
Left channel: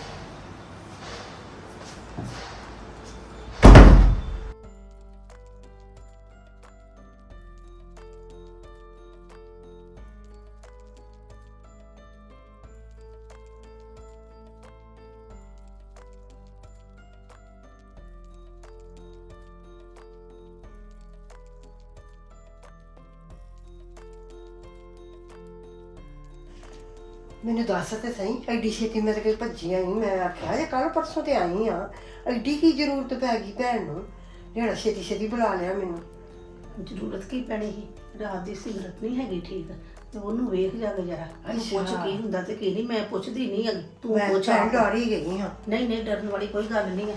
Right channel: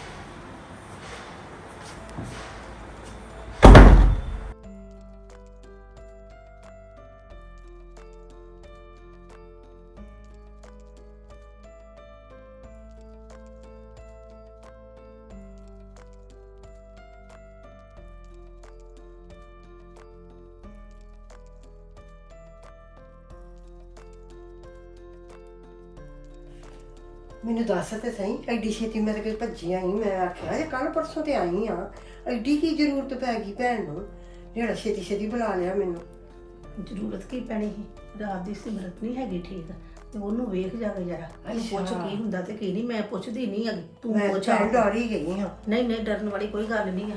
Speaker 3: ਮੈਨੂੰ ਦੱਸ ਤੇ ਸਹੀ, ਐਡੀ ਛੇਤੀ ਮੇਰੇ ਕੋਲ ਭੱਜੀ ਆਈ? ਮੈਂ ਆਖਿਆ ਜੇ ਕੱਲ ਪਰਸੋਂ ਤੇ ਆਈ ਆ, ਐਡੀ ਕੀ ਜ਼ਰੂਰਤ ਪੈ ਗਈ ਭੈਣ ਨੂੰ ਜਿਹੜਾ ਛੇਤੀ ਛੇਤੀ ਬੁਲਾ ਲਿਆ ਮੈਨੂੰ?
Speaker 5: ਜ਼ਰੂਰਤ ਕੀ ਪੈਣੀ ਸੀ? ਰਾਤ ਦੀ ਸਿਮਰਤ ਨਹੀਂ ਹੈਗੀ ਠੀਕ, ਤੇ ਉਹਨੂੰ ਵੇਖ ਜਾ ਕੇ ਜਰਾ, ਉਹਨੂੰ ਪੁੱਛ
Speaker 3: ਅੱਛਾ।
Speaker 5: ਕੀ ਹੁੰਦਾ ਤੇ ਕੀ ਨਹੀਂ। ਮੈਂ ਪੁੱਛਦੀ ਨਹੀਂ ਹੈਗੀ, ਤੂੰ
Speaker 3: ਮੈਂ
Speaker 5: ਪੁੱਛ।
Speaker 3: ਭੈਣ ਡਰ ਹੀ ਗਈ ਹਾਂ।
Speaker 5: ਨਹੀਂ ਨਹੀਂ, ਡਰਨ ਵਾਲੀ ਕੋਈ ਗੱਲ ਨਹੀਂ ਆ।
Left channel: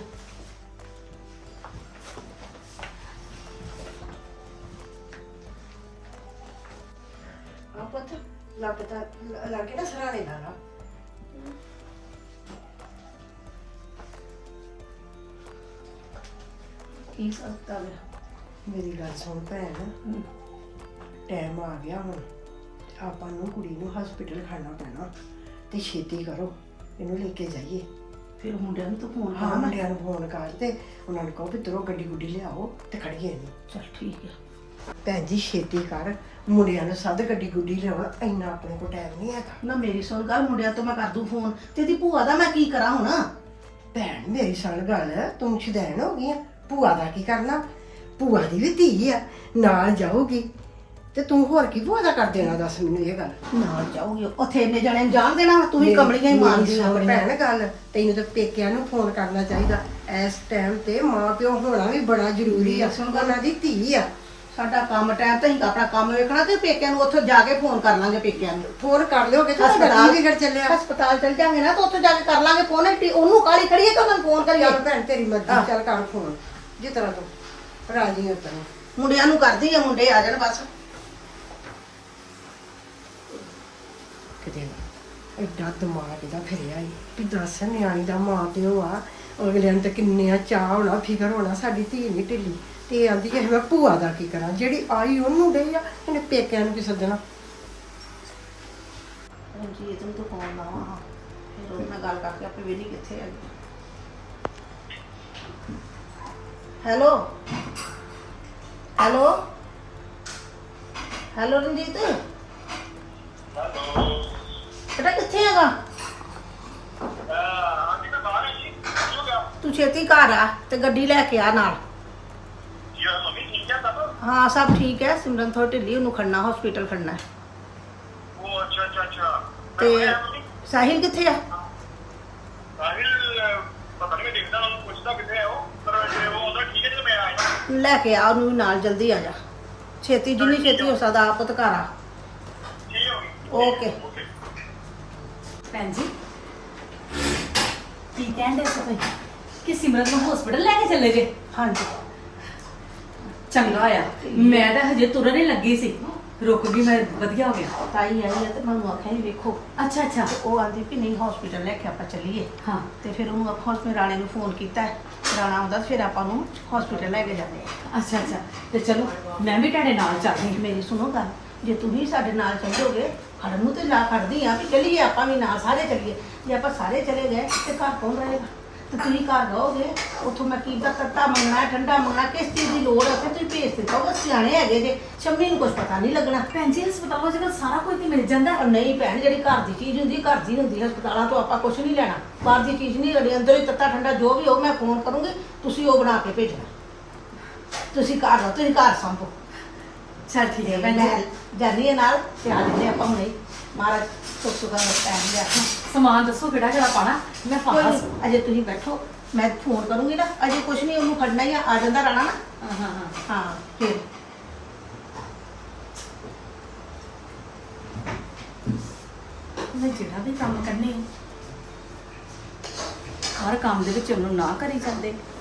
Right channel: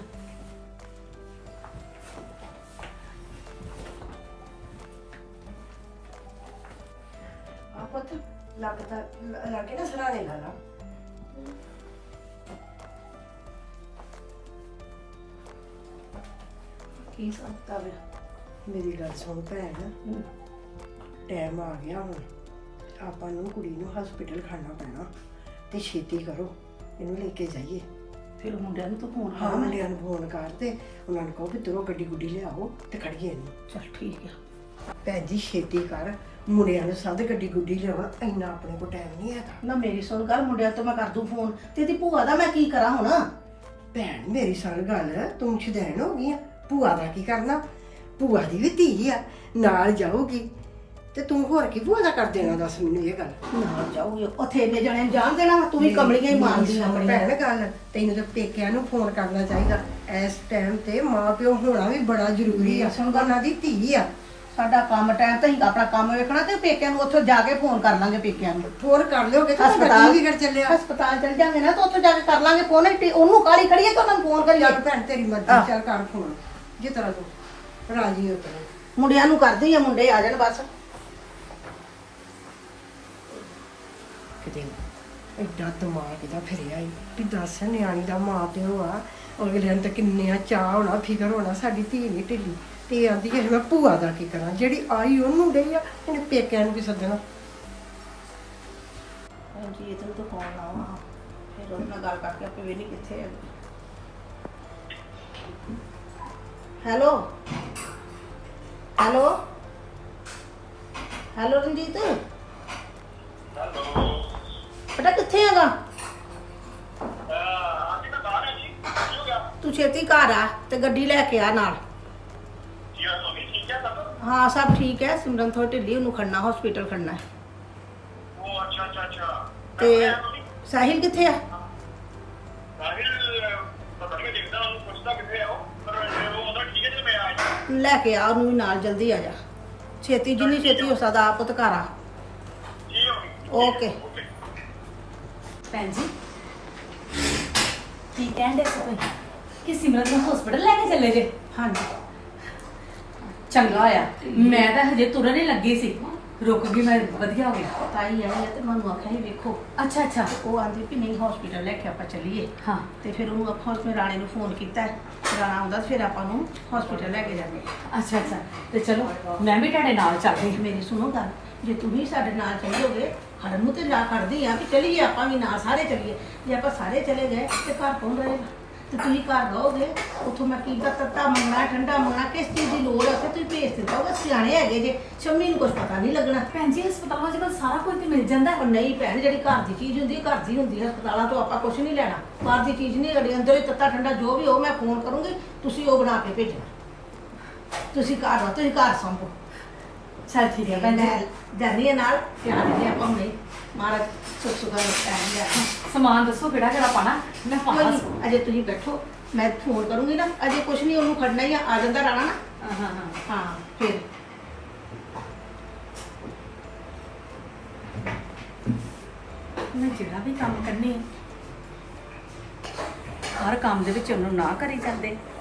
Speaker 3: ਆ ਪੁੱਤ ਲੱਗਦਾ ਲੱਗੇ ਨਾ ਸਰਾਣੇ ਲਾ ਲਾ।
Speaker 5: ਕੀ ਸੰਤਾ ਵੇ?
Speaker 3: ਮੇਰੀ ਗੱਲ ਸੁਣ ਭੈਣ, ਟਾਈਮ ਆ ਗਿਆ ਹੁਣ। ਆਪਾਂ ਨੂੰ ਕੁੜੀ ਨੂੰ ਹਸਪੀਟਲ ਖਾਣਾ ਪੈਣਾ ਤੇ ਛੇਤੀ ਕਰੋ, ਇਹਨੂੰ ਲੈ ਕੇ ਜਾਈਏ।
Speaker 5: ਫਿਰ ਮੁੰਡਿਆਂ ਨੂੰ ਤਾਂ ਫੋਨ
Speaker 3: ਹਾਂ
Speaker 5: ਕਰਨਾ।
Speaker 3: ਮੁੰਡਿਆਂ ਨੂੰ ਫੋਨ ਕਰ ਤੇ ਉਹਨਾਂ ਨੂੰ ਕਹੋ ਵੀ ਤਰੋ ਗੱਡੀ ਗੁੱਡੀ ਲਿਆਓ ਤੇ ਖੜੀਏ ਇਹਨੂੰ।
Speaker 5: ਚਲ ਠੀਕ ਆ।
Speaker 3: ਭੈਣ ਜੀ ਛੇਤੀ ਕਰ, ਮੁੰਡਿਆਂ ਨੂੰ ਸੱਦ ਗੱਡੀ ਗੁੱਡੀ ਲਿਆਉਣ। ਇੰਨਾ ਆਪਣੇ ਕੋਲ ਟਾਈਮ ਨਹੀਂ ਹੈਗਾ।
Speaker 5: ਨਾ ਮੇਰੀ ਸੁਣ ਗੱਲ, ਮੁੰਡਿਆਂ ਤੋਂ ਮੈਂ ਕਰ ਦੂੰ ਫੋਨ, ਤੇ ਇਹਦੀ ਭੂਆ ਦਾ ਮੈਂ ਕੀ ਕਰਾਂ ਹੁਣ?
Speaker 3: ਭੈਣ ਮੇਰੀ ਸੁਣ ਗੱਲ, ਤੂੰ ਸ਼ੁਦੈਣ ਹੋ ਗਈ ਆ। ਭੂਆ ਦਾ ਕੀ ਕਰਨਾ? ਭੂਆ ਦੀ ਵੀ ਧੀ ਆ, ਨਾਲ ਜਾਊਗੀ ਤੇ ਤੂੰ ਹੋਰ ਕੀ ਭੂਆ ਦਾ ਕਰ ਦੇਣਾ? ਦੱਸ ਮੈਨੂੰ ਇਹ ਗੱਲ।
Speaker 5: ਨਾਲ ਜਾਊਗੀ ਉੱਥੇ ਇੰਨੇ ਜਣੇ ਨੂੰ ਜਾਣ ਦੇਣਾ ਵਾ? ਤੂੰ ਵੀ ਕਮਲੀਆਂ ਹੀ ਮਾਰਦੀ ਆ
Speaker 3: ਮੇਰੀ ਭੈਣ ਗੱਲ, ਤੈਨੂੰ ਤਾਂ ਪੇਕਿਆਂ ਨੂੰ ਫੋਨ ਕਰਨਾ ਚਾਹੀਦਾ। ਇਸ ਟਾਈਮ ਤੇ ਮਾਂ ਪਿਓ ਹੋਣਾ ਵੀ ਬੜਾ ਜ਼ਰੂਰੀ ਆ।
Speaker 5: ਸੁਣ ਗੱਲ,
Speaker 3: ਉਹਨਾਂ ਦੀ ਧੀ ਆ।
Speaker 5: ਸਾਡਾ ਕੰਮ ਟਾਈਮ ਤੇ ਅਸੀਂ ਆਪਣਾ ਕੰਮ ਵੇਖਣਾ, ਤੇ ਪੇਕਿਆਂ ਨੂੰ ਉੱਥੇ ਜਾ ਕੇ ਫੋਨ ਕਰ ਲਾਂਗੇ। ਪੇਕਿਆਂ ਨੂੰ
Speaker 3: ਫੋਨ ਕਰ ਲਿਓਗੇ ਤਾਂ
Speaker 5: ਹਸਪਤਾਲ
Speaker 3: ਗੱਡੀ ਵਿਗੜ ਚੱਲਿਆ।
Speaker 5: ਹਸਪਤਾਲ ਚਲ ਜਾਂਗੇ ਨਾ, ਤਾਂ ਉੱਥੇ ਜਾ ਕੇ ਕਰ ਲਾਂਗੇ ਫੋਨ। ਉਹਨੂੰ ਕਾਲੀ ਖੜੀ ਹੈ ਕਿ ਉਹਨਾਂ ਨੂੰ ਫੋਨ ਕਰੀਏ?
Speaker 3: ਚੱਲ ਭੈਣ ਤੇਰੀ ਮਰਜ਼ੀ, ਚੱਲ ਕਰ ਫੋਨ ਜਿਸ ਤਰ੍ਹਾਂ ਤੂੰ ਰਾਜੀ ਹੋ ਤੈਨੂੰ।
Speaker 5: ਮੁੰਡਿਆਂ ਨੂੰ ਕਰਦੀ ਹੈ, ਮੁੰਡੇ ਆ ਜਾਣ ਬਸ।
Speaker 3: ਕਿਤੇ ਐਡਾ ਦਿਮਾਗ ਇਹਦਾ ਫਿਰਿਆ ਈ ਵੀ ਦੱਸ, ਨਿਆਣੀ ਦਾ ਮਾਂ ਪਿਓ ਆ, ਅਗਲਿਆਂ ਨੂੰ ਤਾਂ ਕਿੰਨਿਆਂ ਚਾਹ ਹੋਣਾ, ਫਿਕਰ ਹੋਣਾ ਸਾਡੀ ਧੀ ਨਹੀਂ ਢਿੱਲੀ। ਤੇ ਆਂਦੀ ਹੈ ਮੈਂ ਭੂਆ ਦਾ ਕੀ ਕਰਾਂ? ਜਿਹੜੀ ਆਈ ਉਹਨੂੰ ਡਈ ਆ, ਇਹਨੇ ਪੇਕਿਆਂ ਨੂੰ ਕੀ ਸੱਦਣਾ?
Speaker 5: ਜੀ ਇਹ ਤੈਨੂੰ ਤਾਂ ਫੋਨ ਲਾਵਾਂ, ਫਿਰ ਉਹਦੇ ਨਾਲ ਗੱਲ ਕਰਕੇ ਆਪੇ ਵੇਲੀ ਕਿੱਥੇ ਹੈ। Hello hello hello Ranjit. ਬੇਟਾ ਕਿੱਥੇ ਹੈਗਾ? ਤੂੰ ਛੇਤੀ ਘਰ ਆ ਤੇ ਗੱਡੀ ਲੈ ਕੇ ਆ ਨਾਲ। ਹਾਂ ਸਭ ਠੀਕ ਹੈ। ਸਿਮਰਨ ਥੋੜੀ ਢਿੱਲੀ, ਉਹਨੂੰ ਖੜਨਾ ਹਸਪੀਟਲ ਖੜਨਾ ਹੈ। ਤੇ ਸਾਹਿਲ ਕਿੱਥੇ ਆ? ਲੈ ਕੇ ਆ ਉਹਨੂੰ ਵੀ ਨਾਲ, ਜਲਦੀ ਆ ਜਾ। ਛੇਤੀ ਜਿੰਨੀ ਛੇਤੀ ਹੋ ਸਕਦਾ ਆਪ ਤੇ ਘਰ ਆ। ਓਕੇ।
Speaker 6: ਭੈਣ ਜੀ ਕੀ ਕਹਿੰਦੇ ਸੀ ਤੁਸੀਂ ਕਿ ਸਿਮਰਤ ਨੂੰ ਹਸਪੀਟਲ ਲੈ ਕੇ ਚੱਲੇ ਜੇ?
Speaker 5: ਹਾਂਜੀ
Speaker 6: ਚੰਗਾ ਆ, ਮੈਂ ਤਾਂ ਹਜੇ ਤੁਰਨ ਹੀ ਲੱਗੀ ਸੀ, ਰੁਕ ਗਈ ਮੈਂ, ਵਧੀਆ ਹੋ ਗਿਆ।
Speaker 5: ਤਾਈ ਆਈ ਹੈ ਤੇ ਮੈਨੂੰ ਆਖਿਆ ਸੀ ਵੇਖੋ,
Speaker 6: ਅੱਛਾ ਅੱਛਾ।
Speaker 5: ਤੇ ਉਹ ਆਂਦੀ ਵੀ ਨਹੀਂ ਹਸਪੀਟਲ ਲੈ ਕੇ ਆਪਾਂ ਚੱਲੀਏ।
Speaker 6: ਹਾਂ
Speaker 5: ਤੇ ਫਿਰ ਉਹਨੂੰ ਅੱਖਾਂ ਤੇ ਰਾਣੇ ਨੂੰ ਫੋਨ ਕੀਤਾ ਹੈ। ਰਾਣਾ ਆਉਂਦਾ ਫਿਰ ਆਪਾਂ ਨੂੰ ਹਸਪੀਟਲ ਲੈ ਕੇ ਜਾਂਦੇ ਹਾਂ।
Speaker 6: ਅੱਛਾ ਅੱਛਾ, ਤੇ ਚਲੋ ਮੈਂ ਵੀ ਤੁਹਾਡੇ ਨਾਲ ਚੱਲਦੀ।
Speaker 5: ਮੇਰੀ ਸੁਣੋ ਗੱਲ, ਜੇ ਤੁਸੀਂ ਸਾਡੇ ਨਾਲ ਚੱਲੋਗੇ, ਖੜਨ ਨੂੰ ਤੇ ਜਾ ਖੜਦੀ ਆ ਕਿ ਚੱਲੀਏ ਆਪਾਂ ਵੀ ਨਾ ਸਾਰੇ ਚੱਲੀਏ। ਜੇ ਆਪਾਂ ਸਾਰੇ ਚਲੇ ਗਏ ਤੇ ਘਰ ਕੌਣ ਰਹੇਗਾ? ਤੇ ਤੁਸੀਂ ਘਰ ਰਹੋਗੇ, ਉੱਥੋਂ ਮੈਂ ਕੀ ਦਾ ਤੱਤਾ ਮੰਗਣਾ, ਠੰਡਾ ਮੰਗਣਾ, ਕਿਸ ਚੀਜ਼ ਦੀ ਲੋੜ ਹੈ ਉੱਥੇ ਤੁਸੀਂ ਭੇਜ ਦਿੱਤਾ ਹੋਗਾ। ਸਿਆਣੇ ਹੈਗੇ ਜੇ, ਸ਼ੰਮੀ ਨੂੰ ਕੁਝ ਪਤਾ ਨਹੀਂ ਲੱਗਣਾ।
Speaker 6: ਭੈਣ ਜੀ ਹਸਪਤਾਲਾਂ ਵਿੱਚ ਕੱਲ੍ਹ ਸਾਰਾ ਕੁਝ ਤੇ ਮਿਲ ਜਾਂਦਾ।
Speaker 5: ਉਹ ਨਹੀਂ ਭੈਣ, ਜਿਹੜੀ ਘਰ ਦੀ ਚੀਜ਼ ਹੁੰਦੀ ਘਰ ਦੀ ਹੁੰਦੀ। ਹਸਪਤਾਲਾਂ ਤੋਂ ਆਪਾਂ ਕੁਝ ਨਹੀਂ ਲੈਣਾ, ਬਾਹਰ ਦੀ ਚੀਜ਼ ਨਹੀਂ ਲੈਣੀ। ਅੰਦਰ ਹੀ ਤੱਤਾ ਠੰਡਾ ਜੋ ਵੀ ਹੋ, ਮੈਂ ਫੋਨ ਕਰੂੰਗੀ, ਤੁਸੀਂ ਉਹ ਬਣਾ ਕੇ ਭੇਜਣਾ। ਤੁਸੀਂ ਘਰ ਰਹੋ, ਤੁਸੀਂ ਘਰ ਸੰਭੋ।
Speaker 6: ਚੱਲ ਠੀਕ ਹੈ ਭੈਣ ਜੀ।
Speaker 5: ਮੈਂ ਜਾਨੀ ਆ ਨਾਲ, ਧਿਆਨ ਦੇ ਆਪਾਂ ਹੁਣੇ ਮਹਾਰਾਜ ਸੁੱਖ ਸੁਖਾ ਟਾਈਮ ਲਿਆ।
Speaker 6: ਸਮਾਨ ਦੱਸੋ ਕਿਹੜਾ ਕਿਹੜਾ ਪਾਣਾ, ਮੈਂ
Speaker 5: ਕੋਈ
Speaker 6: ਪਾਣਾ।
Speaker 5: ਨੀ, ਅਜੇ ਤੁਸੀਂ ਬੈਠੋ, ਮੈਂ ਫੋਨ ਕਰੂੰਗੀ ਨਾ। ਅਜੇ ਕੁਝ ਨਹੀਂ, ਉਹਨੂੰ ਖੜਨਾ ਹੀ ਆ ਜਾਂਦਾ ਰਾਣਾ ਨਾ।
Speaker 6: ਹਾਂ ਹਾਂ ਹਾਂ।
Speaker 5: ਹਾਂ ਫਿਰ
Speaker 6: ਮੈਂ ਜਿਹੜਾ ਵੀ ਕੰਮ ਕਰਨੀ ਹੈ, ਹਰ ਕੰਮ ਦੇ ਵਿੱਚ ਉਹਨੂੰ ਨਾ ਕਰੀ ਜਾਂਦੇ।